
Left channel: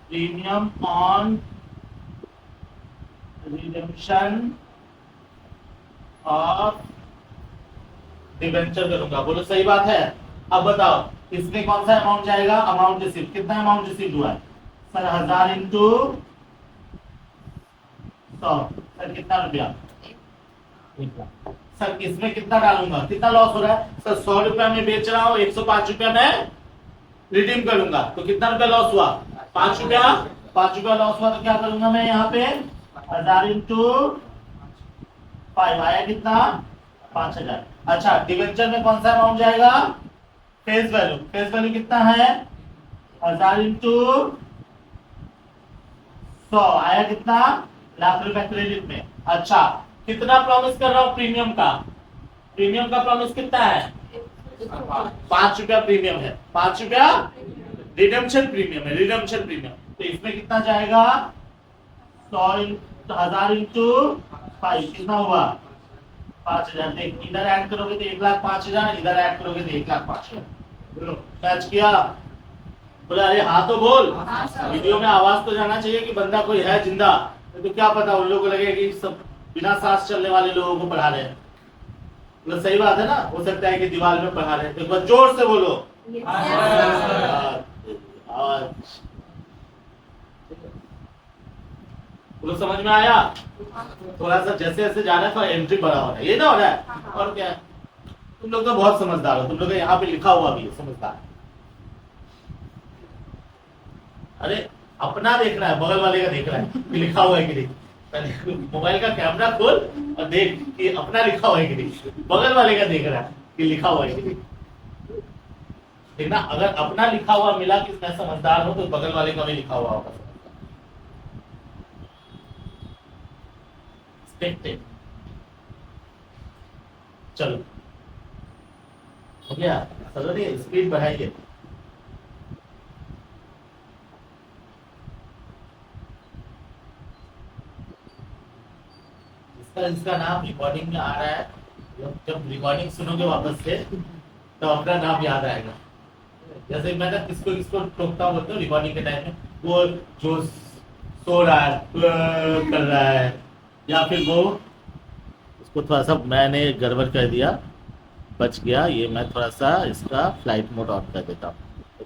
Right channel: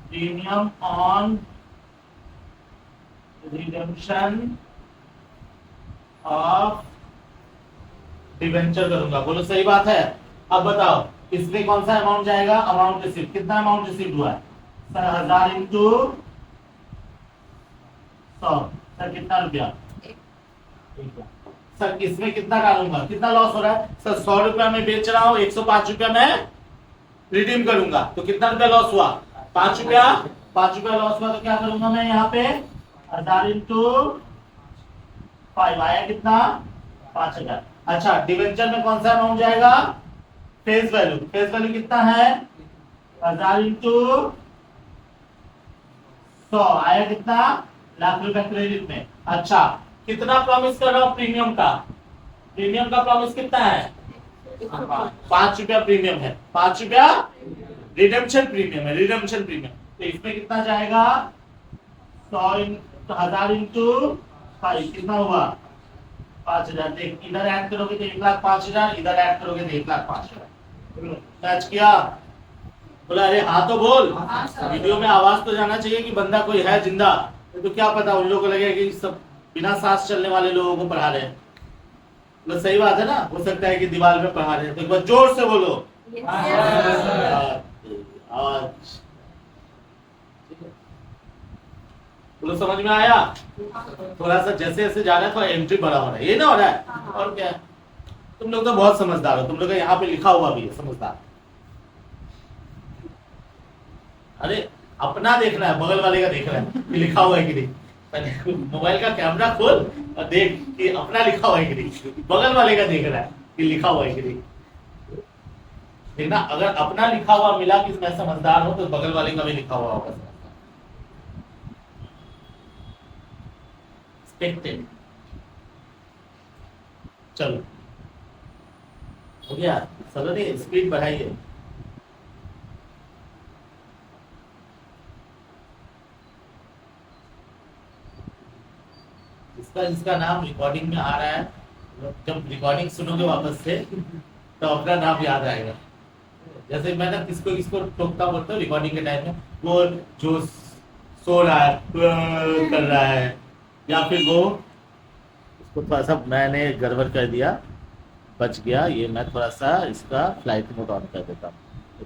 premium on redemption of debenture करूंगा। बोलो सही बात है। अब बताओ इसमें कौन सा अमाउंट जाएगा, अमाउंट रिसीव। कितना अमाउंट रिसीव हुआ है सर, 1000 इंटू 100, सर कितना रुपया, 1 लाख। सर इसमें कितना डालूंगा, कितना लॉस हो रहा है सर, 100 रुपया में बेच रहा हूँ, 105 रुपया में रिडीम करूंगा, तो कितना रुपया लॉस हुआ, 5 रुपया। 5 रुपया लॉस हुआ तो क्या करूंगा मैं यहाँ पे, 1000 इंटू 5 आया कितना, 5000। अच्छा डिवेंचर में कौन सा अमाउंट जाएगा, फेस वैल्यू। फेस वैल्यू कितना है, 1000 इंटू 100 आया कितना, लाख रुपए क्रेडिट में। अच्छा कितना प्रॉमिस कर रहा हूं प्रीमियम का, प्रीमियम का प्रॉमिस कितना है, 5 रुपया प्रीमियम है, 5 रुपया रिडेम्पशन प्रीमियम है, रिडेम्पशन प्रीमियम। तो इसमें कितना जाएगा, 1000 इंटू 5 कितना हुआ, 5000। देख इधर ऐड करोगे तो 1,05,000, इधर ऐड करोगे तो 1,05,000। बोलो कैच किया, बोला अरे हाँ तो बोल, वीडियो में आवाज तो जाना चाहिए कि बंदा कोई है जिंदा, तो क्या पता उन लोगों को लगेगा कि सब बिना सांस चलने वाले लोगों को पढ़ा रहे हैं। मतलब सही बात है ना, हो सकता है कि दीवार में पढ़ा रहे हैं, तो एक बार जोर से बोलो। बोलो समझ में आया, थोड़ा सा जैसे जैसे जा रहा है थोड़ा एंट्री बड़ा हो रहा है, ये ना हो रहा है। और क्या है, तुम लोग तो बहुत समझदार हो, तुम लोग यहाँ पे लिखा हुआ भी है समझदार। अरे अपना देखना है, बगल वाले का देखना है कि लिखा हुआ है कि नहीं। मोबाइल का कैमरा खोल और देख कि अपना लिखा हुआ है कि नहीं, बगल वाले का देख रहा है कि लिखा हुआ है कि नहीं। देखना अगर अपना लिखा हुआ मिला कि मैं समझदार हूं, तो बगल वाले का भी लिखा हुआ होगा समझदार। चलो हो गया, चलो स्पीड बढ़ाइए। इसका नाम रिकॉर्डिंग में आ रहा है, जब रिकॉर्डिंग सुनोगे वापस से तो अपना नाम याद आएगा। जैसे मैं ना किसको किसको टोकता बोलता हूँ रिकॉर्डिंग के टाइम में, वो जो सो रहा है कर रहा है, या फिर वो उसको थोड़ा सा मैंने गड़बड़ कर दिया, बच गया, ये मैं थोड़ा सा इसका फ्लाइट मोड ऑन कर देता हूँ,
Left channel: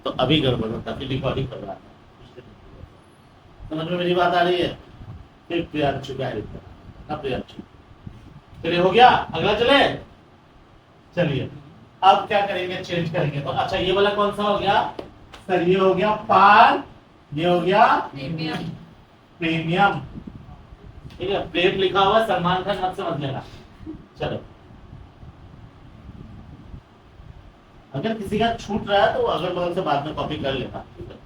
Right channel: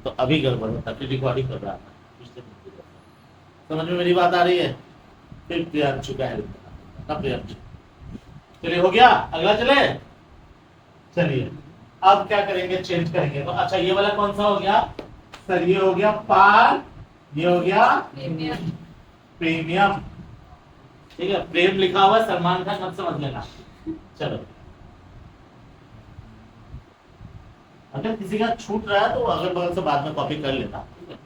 तो अभी गड़बड़ होता है, फिर रिकॉर्डिंग कर रहा था। समझ में मेरी बात आ रही है। फिर प्रियांशु का हेल्प करना, प्रियांशु। चलिए हो गया, अगला चले। चलिए अब क्या करेंगे, चेंज करेंगे। तो अच्छा ये वाला कौन सा हो गया सर, ये हो गया पार, ये हो गया प्रीमियम। ठीक है, प्लेन लिखा हुआ सलमान खान मत समझ लेना। चलो अगर किसी का छूट रहा है तो अगल बगल से बाद में कॉपी कर लेना। ठीक है,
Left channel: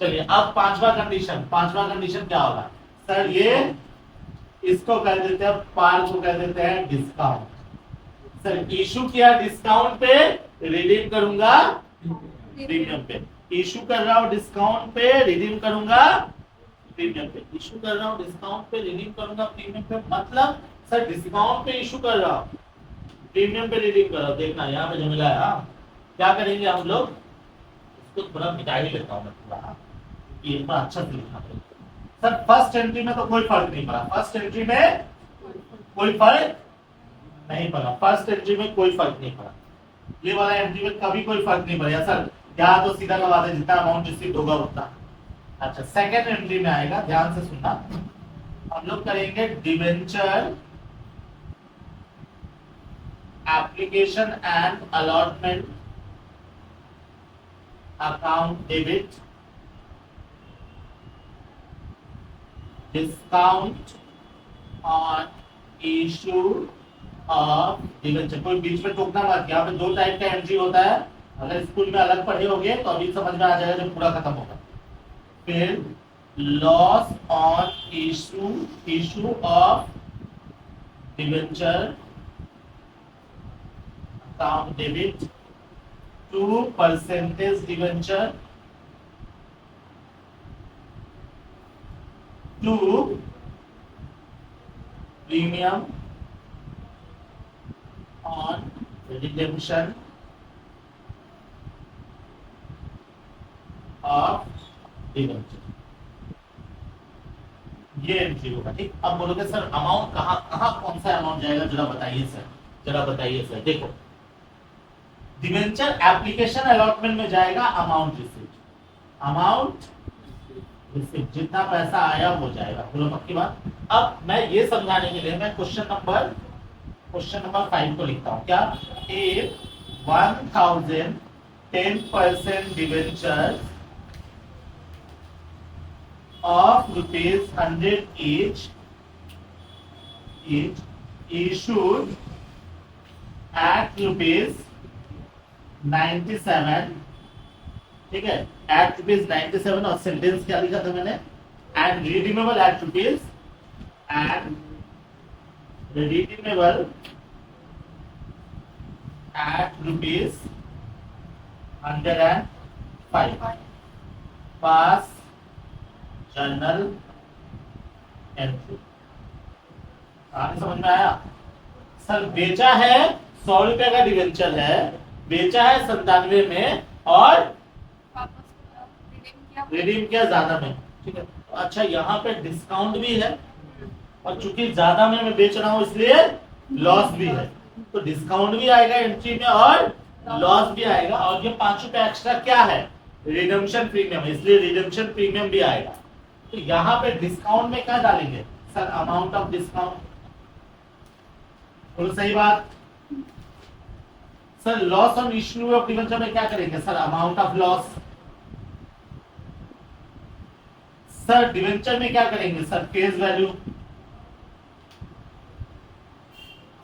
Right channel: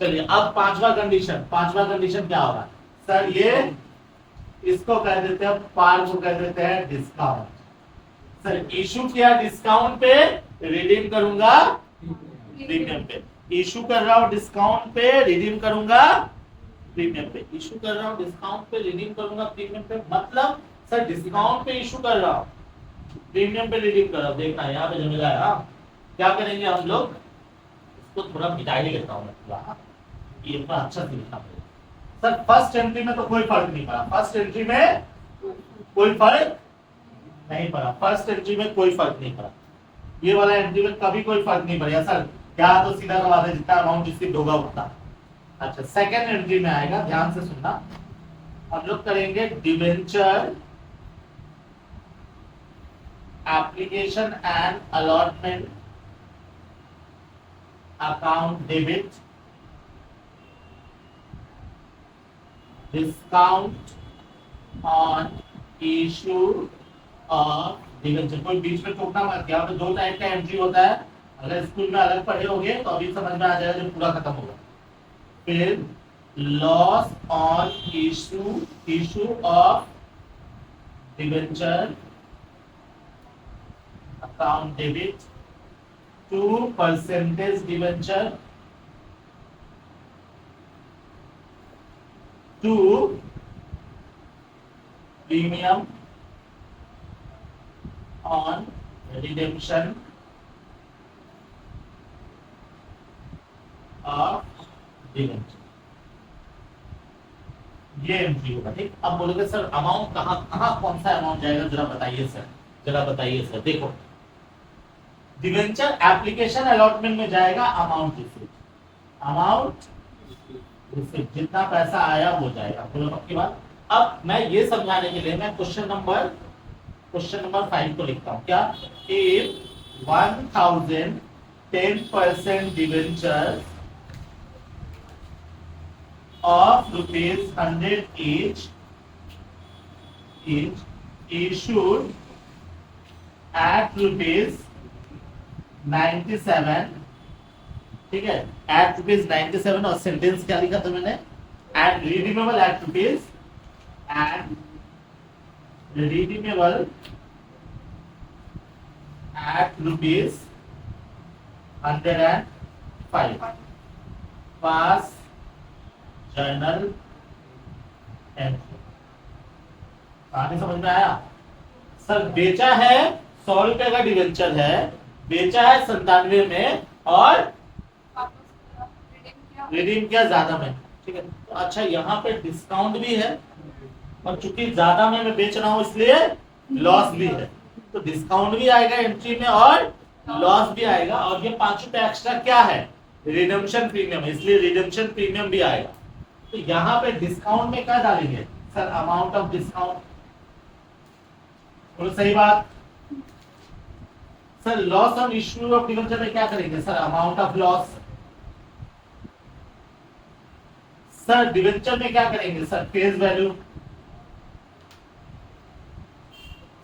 चलिए अब पांचवा कंडीशन क्या होगा सर, ये इसको कह देते हैं, पार को कह देते हैं डिस्काउंट। सर इशू किया डिस्काउंट पे, रिडीम करूंगा प्रीमियम पे। इशू कर रहा हूं डिस्काउंट पे, रिडीम करूंगा प्रीमियम पे। इशू कर रहा हूं डिस्काउंट पे, रिडीम करूंगा प्रीमियम पे। मतलब सर डिस्काउंट पे इशू कर रहा हूं, प्रीमियम पे रिडीम कर रहा हूं। देखना यहाँ पे झमेला है। हाँ क्या करेंगे हम लोग, इसको थोड़ा मिटा ही लेता हूँ मैं थोड़ा, ये इतना अच्छा से लिखना पड़ेगा। सर फर्स्ट एंट्री में तो कोई फर्क नहीं पड़ा, फर्स्ट एंट्री में कोई फर्क नहीं पड़ा, फर्स्ट एंट्री में कोई फर्क नहीं पड़ा, ये वाला एंट्री में कभी कोई फर्क नहीं पड़ा सर। यहाँ तो सीधा लगा दे, जितना अमाउंट रिसीव होगा उतना। अच्छा, सेकंड एंट्री में आएगा, ध्यान से सुनना, हम लोग करेंगे debenture application and allotment account debit discount on issue of debenture. कोई बीच में टोकना मत, यहाँ पे दो टाइप का एंट्री होता है, अगर स्कूल में अलग पढ़े होंगे तो अभी समझ में आ जाएगा जब पूरा खत्म होगा। फिर loss on issue of debenture account debit to percentage debenture to premium on redemption of debenture. ये एंट्री होगा, ठीक। अब बोलोगे सर अमाउंट कहाँ कहाँ कौन सा अमाउंट जाएगा, जरा बताइए सर, जरा बताइए सर। देखो, डिवेंचर एप्लीकेशन अलॉटमेंट में जाएगा अमाउंट रिसीव्ड, अमाउंट रिसीव्ड, जितना पैसा आया वो जाएगा। बोलो पक्की बात। अब मैं ये समझाने के लिए मैं क्वेश्चन नंबर 5 को लिखता हूँ। क्या? If 1000 10% debenture of ₹100 each issued at ₹97, ठीक है, at ₹97, और सेंटेंस क्या लिखा था मैंने, and redeemable at ₹105 pass journal entry. कहानी समझ में आया? सर बेचा है 100 रुपए का डिवेंचर है, बेचा है 97 में और रिडीम किया ज्यादा में, ठीक है। तो अच्छा, यहाँ पे डिस्काउंट भी है और चूंकि ज्यादा में मैं बेच रहा हूँ इसलिए लॉस भी है, तो डिस्काउंट भी आएगा एंट्री में और लॉस भी आएगा। और ये 5 रुपए एक्स्ट्रा क्या है, रिडेम्पशन प्रीमियम, इसलिए रिडेम्पशन प्रीमियम भी आएगा। तो यहाँ पे डिस्काउंट में क्या डालेंगे सर, अमाउंट ऑफ डिस्काउंट। तो सही बात। Sir loss on issue of debenture में क्या करेंगे sir, amount of loss. Sir debenture में क्या करेंगे sir, face value.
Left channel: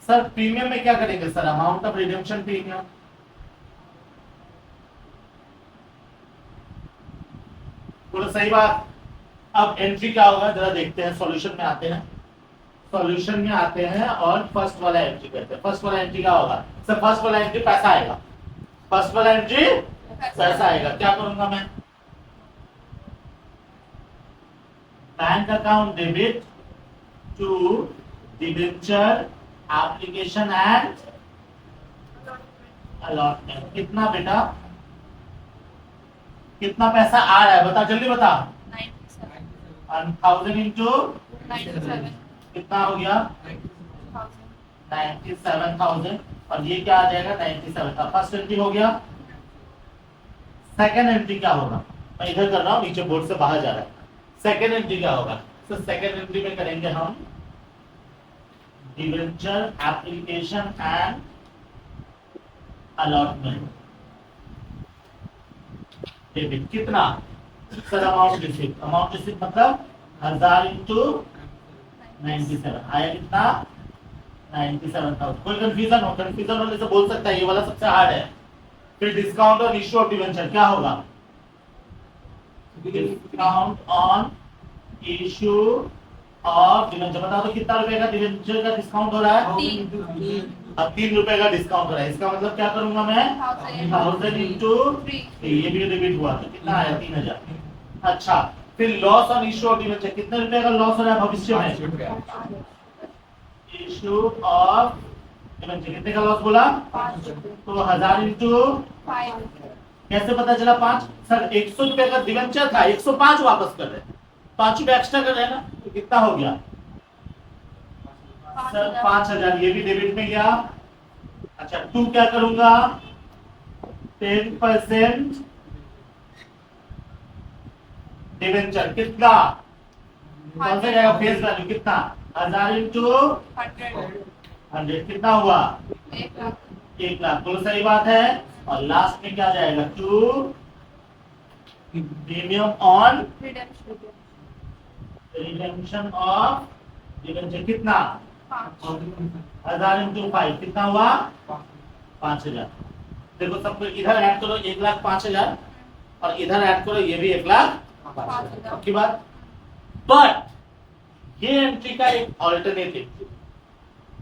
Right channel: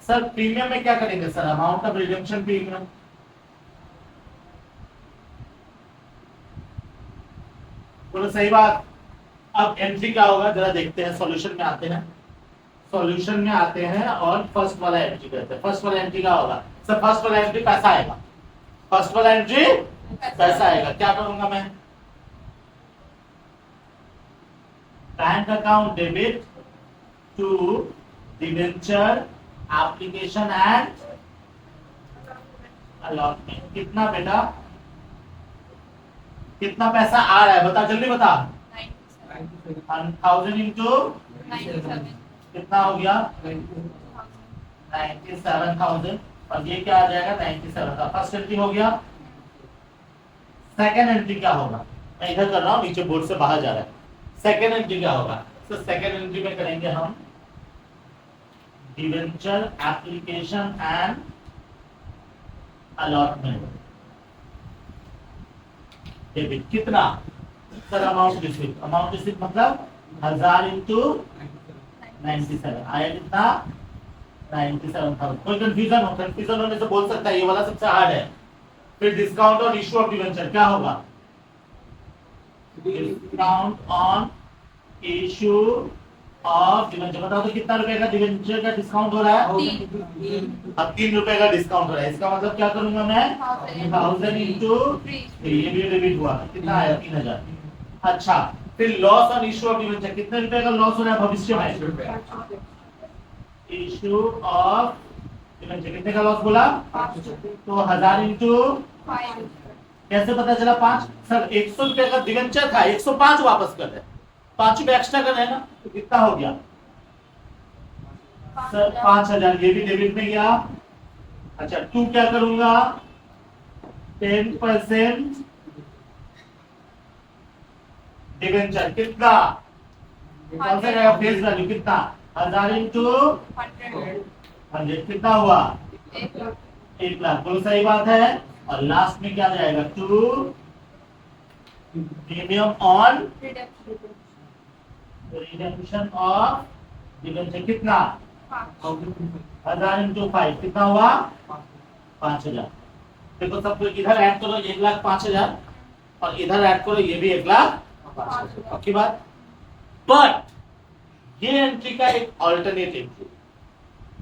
Sir premium में क्या करेंगे sir, amount of redemption premium. बोलो सही बात। अब एंट्री क्या होगा जरा देखते हैं, सॉल्यूशन में आते हैं, सॉल्यूशन में आते हैं और फर्स्ट वाला एंट्री करते हैं। फर्स्ट वाला एंट्री क्या होगा सर, फर्स्ट वाला एंट्री पैसा आएगा, फर्स्ट वाला एंट्री पैसा आएगा। क्या करूंगा मैं, bank account debit to debenture application and allotment. कितना बेटा, कितना पैसा आ रहा है बता, जल्दी बता। 1000 इंटू कितना हो गया, 97,000, और ये क्या आ जाएगा 97 का। फर्स्ट एंट्री हो गया। सेकेंड एंट्री क्या होगा, मैं इधर कर रहा हूँ, नीचे बोर्ड से बाहर जा रहा है। सेकेंड एंट्री क्या होगा, तो सेकेंड एंट्री में करेंगे हम debenture application and allotment debit. कितना sir, amount receive, amount receive मतलब 1000 इंटू 97 आया कितना, 97,000। कोई कंफ्यूजन हो, कंफ्यूजन होने से बोल सकता है, ये वाला सबसे हार्ड है। फिर discount on issue of debenture क्या होगा, discount on issue of debenture. बताओ तो कितना रुपए का डिवेंचर का डिस्काउंट हो रहा है, अब 3 रुपए का डिस्काउंट हो रहा है। इसका मतलब क्या करूंगा मैं, 1000 इंटू, ये भी डेबिट हुआ, कितना आया 3000। अच्छा, फिर loss on issue of debenture, कितने रुपए का लॉस हो रहा है भविष्य में, इशू ऑफ डिवेंचर कितने का लॉस बोला, तो 1000 इंटू, कैसे पता चला 5 सर, 100 रुपए का डिवेंचर था, 105 वापस कर रहे, 5 रुपए एक्स्ट्रा कर रहे हैं ना, तो कितना हो गया सर 5,000 ये भी डेबिट में गया। अच्छा टू क्या करूंगा 10% डिवेंचर कितना कौन सा जाएगा फेस वैल्यू कितना 1000 इंटू 100 कितना हुआ 1,00,000 बोलो सही बात है। और लास्ट में क्या जाएगा to premium on redemption of debenture कितना 1000 इंटू 5 कितना हुआ 5,000। देखो सबको इधर ऐड करो 1,05,000 और इधर ऐड करो ये भी 1,05,000 पक्की बात। बट ये एंट्री का एक ऑल्टरनेट एंट्री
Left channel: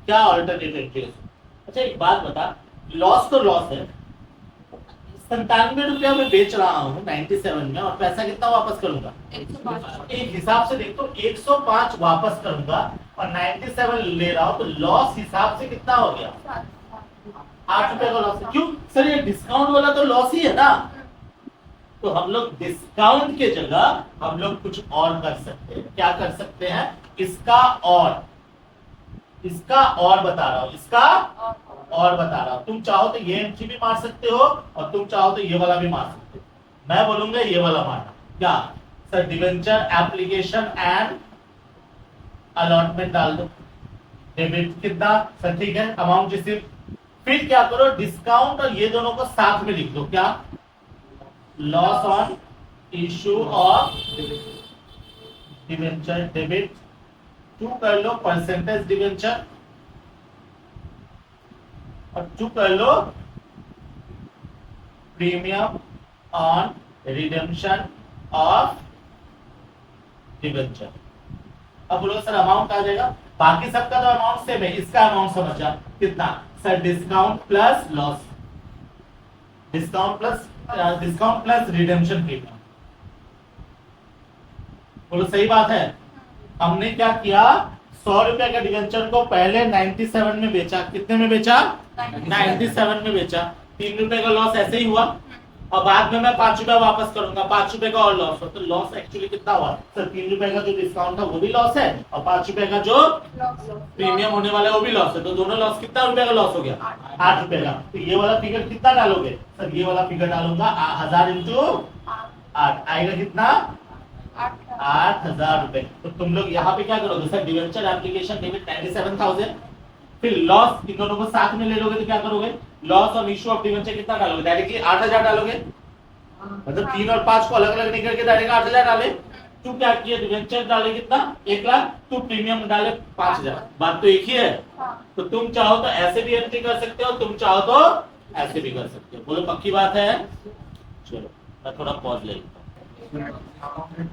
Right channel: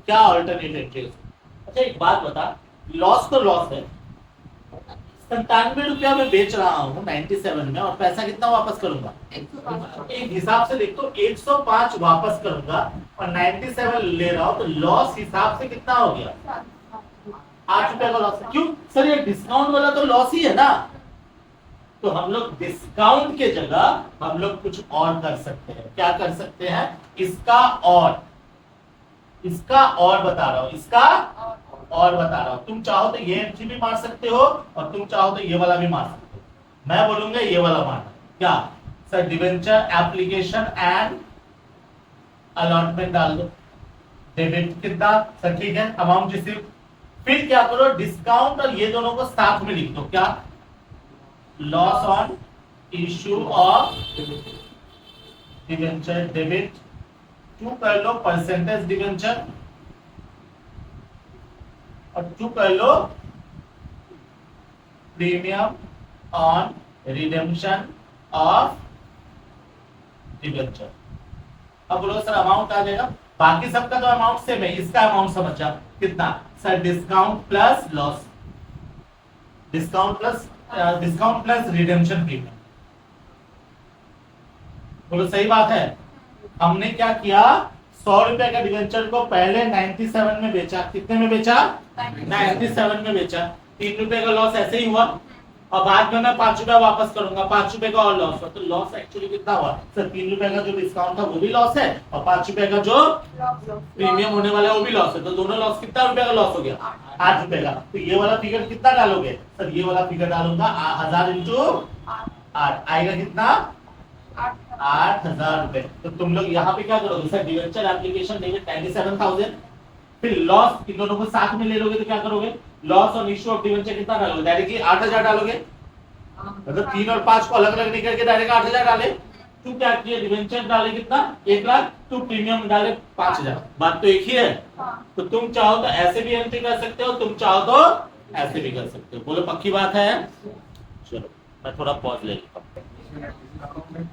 क्या ऑल्टरनेट एंट्री। अच्छा एक बात बता लॉस तो लॉस है 97 रुपया में बेच रहा हूँ 97 में और पैसा कितना वापस करूंगा 105। एक हिसाब से देखो 105 वापस करूंगा और 97 ले रहा हूं तो लॉस हिसाब से कितना हो गया 8 रुपए का लॉस। क्यों सर ये डिस्काउंट वाला तो लॉस ही है ना। तो हम लोग डिस्काउंट के जगह हम लोग कुछ और कर सकते हैं। क्या कर सकते हैं इसका और बता रहा हूं इसका और बता रहा हूं। तुम चाहो तो ये एंट्री भी मार सकते हो और तुम चाहो तो ये वाला भी मार सकते हो। मैं बोलूंगा ये वाला मारना क्या sir debenture application and allotment डाल दो डेबिट कितना सर ठीक है अमाउंट रिसीव। फिर क्या करो डिस्काउंट और ये दोनों को साथ में लिख दो क्या loss on issue of debenture debit to कर लो परसेंटेज डिवेंचर और टू कर लो premium on redemption of debenture. अब बोलो सर अमाउंट आ जाएगा बाकी सबका तो अमाउंट सेम है इसका अमाउंट समझा कितना sir discount plus loss discount plus redemption premium. बोलो सही बात है। हमने क्या किया 100 रुपए का डिवेंचर को पहले 97 में बेचा कितने में बेचा 97 में बेचा 3 रुपए का लॉस ऐसे ही हुआ और बाद में मैं 5 रुपया वापस करूंगा 5 रुपए का और लॉस हुआ तो लॉस एक्चुअली कितना हुआ सर 3 रुपए का जो डिस्काउंट था वो भी लॉस है और 5 रुपए का जो प्रीमियम होने वाला है वो भी लॉस है। तो दोनों लॉस कितना रुपए का लॉस हो गया 8 रुपए का। तो ये वाला फिगर कितना डालोगे सर ये वाला फिगर डालूंगा 1000 इंटू 8 आएगा कितना 8,000 रुपए। तो तुम लोग यहाँ पे क्या करोगे सर डिवेंचर एप्लीकेशन डेबिट 97,000 फिर लॉस इन दोनों को साथ में ले लोगे तो क्या करोगे लॉस और इशू ऑफ डिवेंचर कितना डालोगे डायरेक्टली 8,000 डालोगे मतलब 3 और 5 को अलग अलग नहीं करके डायरेक्ट 8,000 डाले। तू क्या किया डिवेंचर डाले कितना 1,00,000 तू प्रीमियम डाले 5,000 बात तो एक ही है। तो तुम चाहो तो ऐसे भी एंट्री कर सकते हो तुम चाहो तो ऐसे भी कर सकते हो। बोलो पक्की बात है। चलो मैं थोड़ा पॉज ले लेता हूं।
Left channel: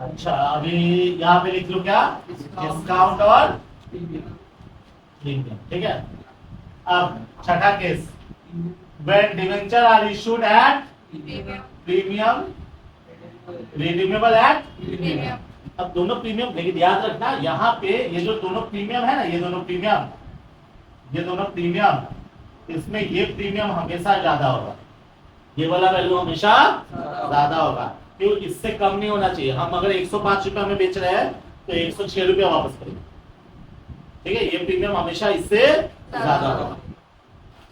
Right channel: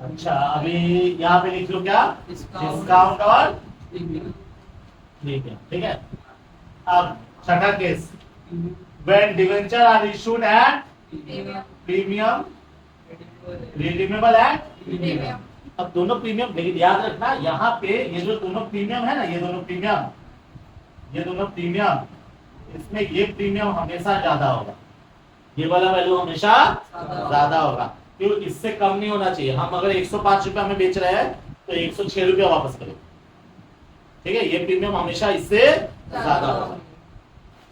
अच्छा अभी यहाँ पे लिख लो क्या डिस्काउंट और ठीक है। अब छठा case when debenture are issued at premium redeemable at premium. अब दोनों प्रीमियम लेकिन याद रखना यहाँ पे ये जो दोनों प्रीमियम है ना ये दोनों प्रीमियम इसमें ये प्रीमियम हमेशा ज्यादा होगा ये वाला वैल्यू हमेशा ज्यादा होगा क्यों इससे कम नहीं होना चाहिए। हम अगर 105 रुपया में बेच रहे हैं तो 106 रुपया वापस करेंगे ठीक है ये प्रीमियम हमेशा इससे ज्यादा होगा।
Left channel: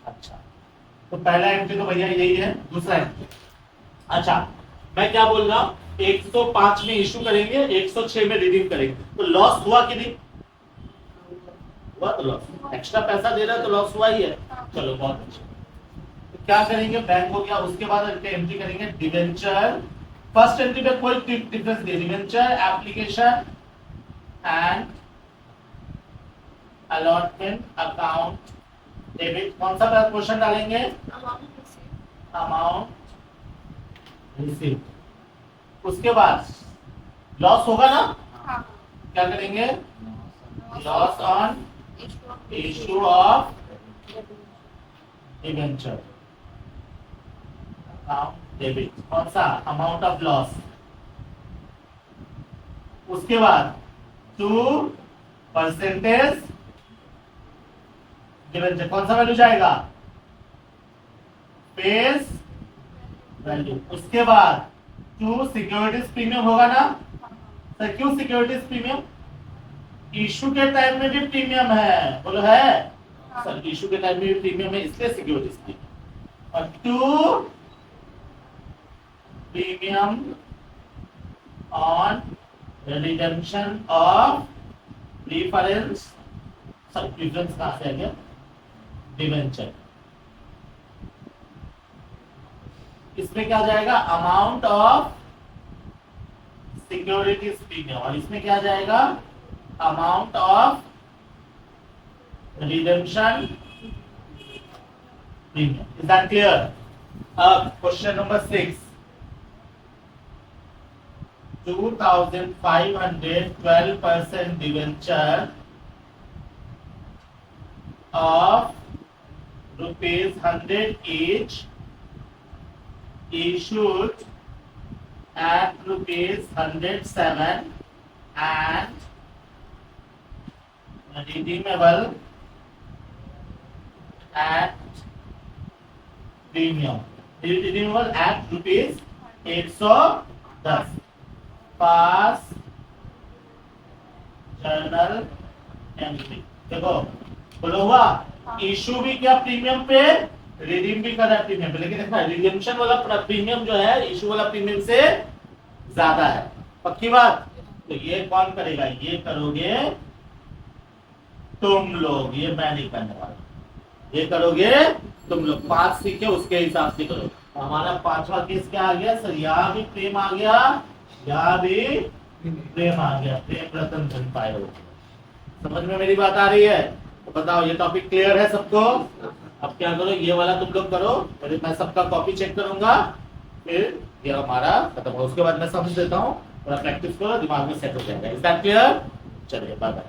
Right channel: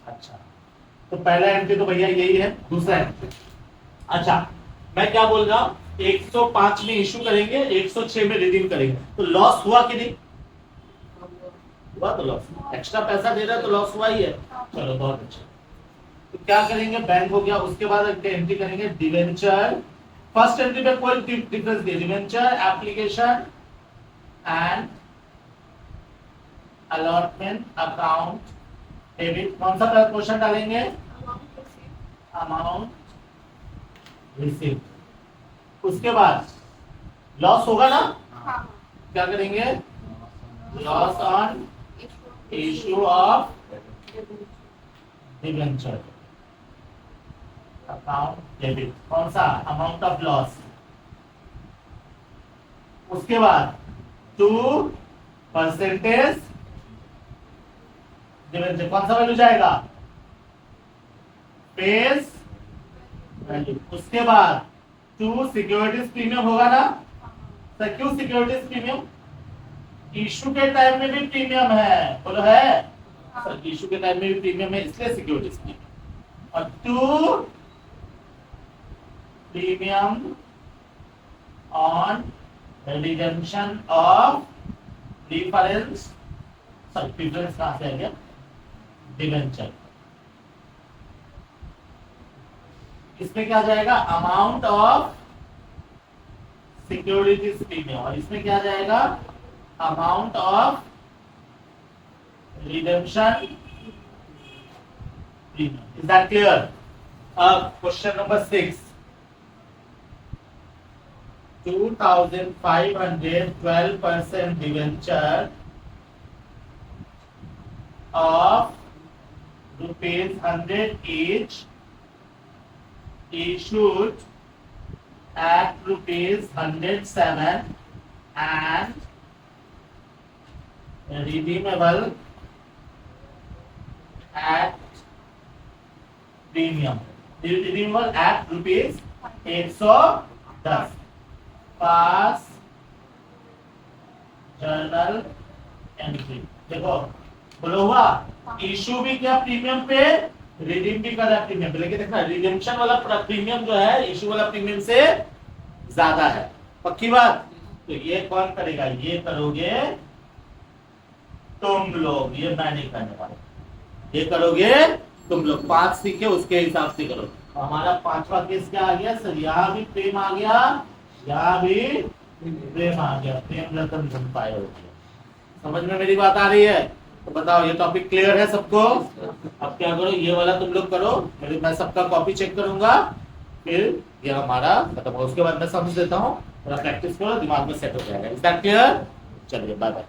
अच्छा तो पहला एंट्री तो भैया यही है। दूसरा एंट्री अच्छा मैं क्या बोल रहा हूं 105 में इशू करेंगे 106 में रिडीम करेंगे तो लॉस हुआ कि नहीं हुआ। तो लॉस एक्स्ट्रा पैसा दे रहा है तो लॉस हुआ ही है। चलो बहुत अच्छा तो क्या करेंगे बैंक हो गया। उसके बाद एंट्री करेंगे डिवेंचर फर्स्ट एंट्री पे कोई डिफरेंस नहीं debenture application and allotment account debit कौन सा क्वेश्चन डालेंगे अमाउंट रिसीव। उसके बाद लॉस होगा ना क्या करेंगे loss on issue of debenture account debit कौन सा अमाउंट ऑफ लॉस। उसके बाद टू परसेंटेज डिवेंचर कौन सा वैल्यू जाएगा फेस वैल्यू। उसके बाद टू सिक्योरिटीज प्रीमियम होगा ना सर क्यों सिक्योरिटीज प्रीमियम इशू के टाइम में भी प्रीमियम है, बोलो है सर, इशू के टाइम में भी प्रीमियम है, इसलिए सिक्योरिटीज प्रीमियम। और 2 premium on redemption of preference, sorry preference कहां से आ गया, डिवेंचर। इसमें क्या जाएगा, अमाउंट ऑफ सिक्योरिटीज प्रीमियम, और इसमें क्या जाएगा, amount of redemption premium. Is that clear? अब question number 6, 2512% debenture of ₹100 each issued at ₹107 and redeemable at premium. Redeemable at ₹110. Pass journal entry. देखो बोलो हुआ, इशू भी क्या प्रीमियम पे, रिडीम भी कर रहा है प्रीमियम पे, लेकिन देखना रिडेम्पशन वाला प्रीमियम जो है इशू वाला प्रीमियम से ज्यादा है, पक्की बात। तो ये कौन करेगा, ये करोगे तुम लोग, ये मैं नहीं करने वाला, ये करोगे तुम लोग। 5 सीखे उसके हिसाब से करो। हमारा 5वां केस क्या आ गया सर, यहाँ भी प्रेम आ गया, यहाँ भी प्रेम आ गया, प्रेम रतन धन पाए हो गया। समझ में मेरी बात आ रही है? तो बताओ ये टॉपिक क्लियर है सबको? अब क्या करो, ये वाला तुम लोग करो, मैं सबका कॉपी चेक करूंगा, फिर ये हमारा खत्म हो, उसके बाद मैं समझ देता हूँ, थोड़ा प्रैक्टिस करो, दिमाग में सेट हो जाएगा। Is that clear? चलिए बाय बाय।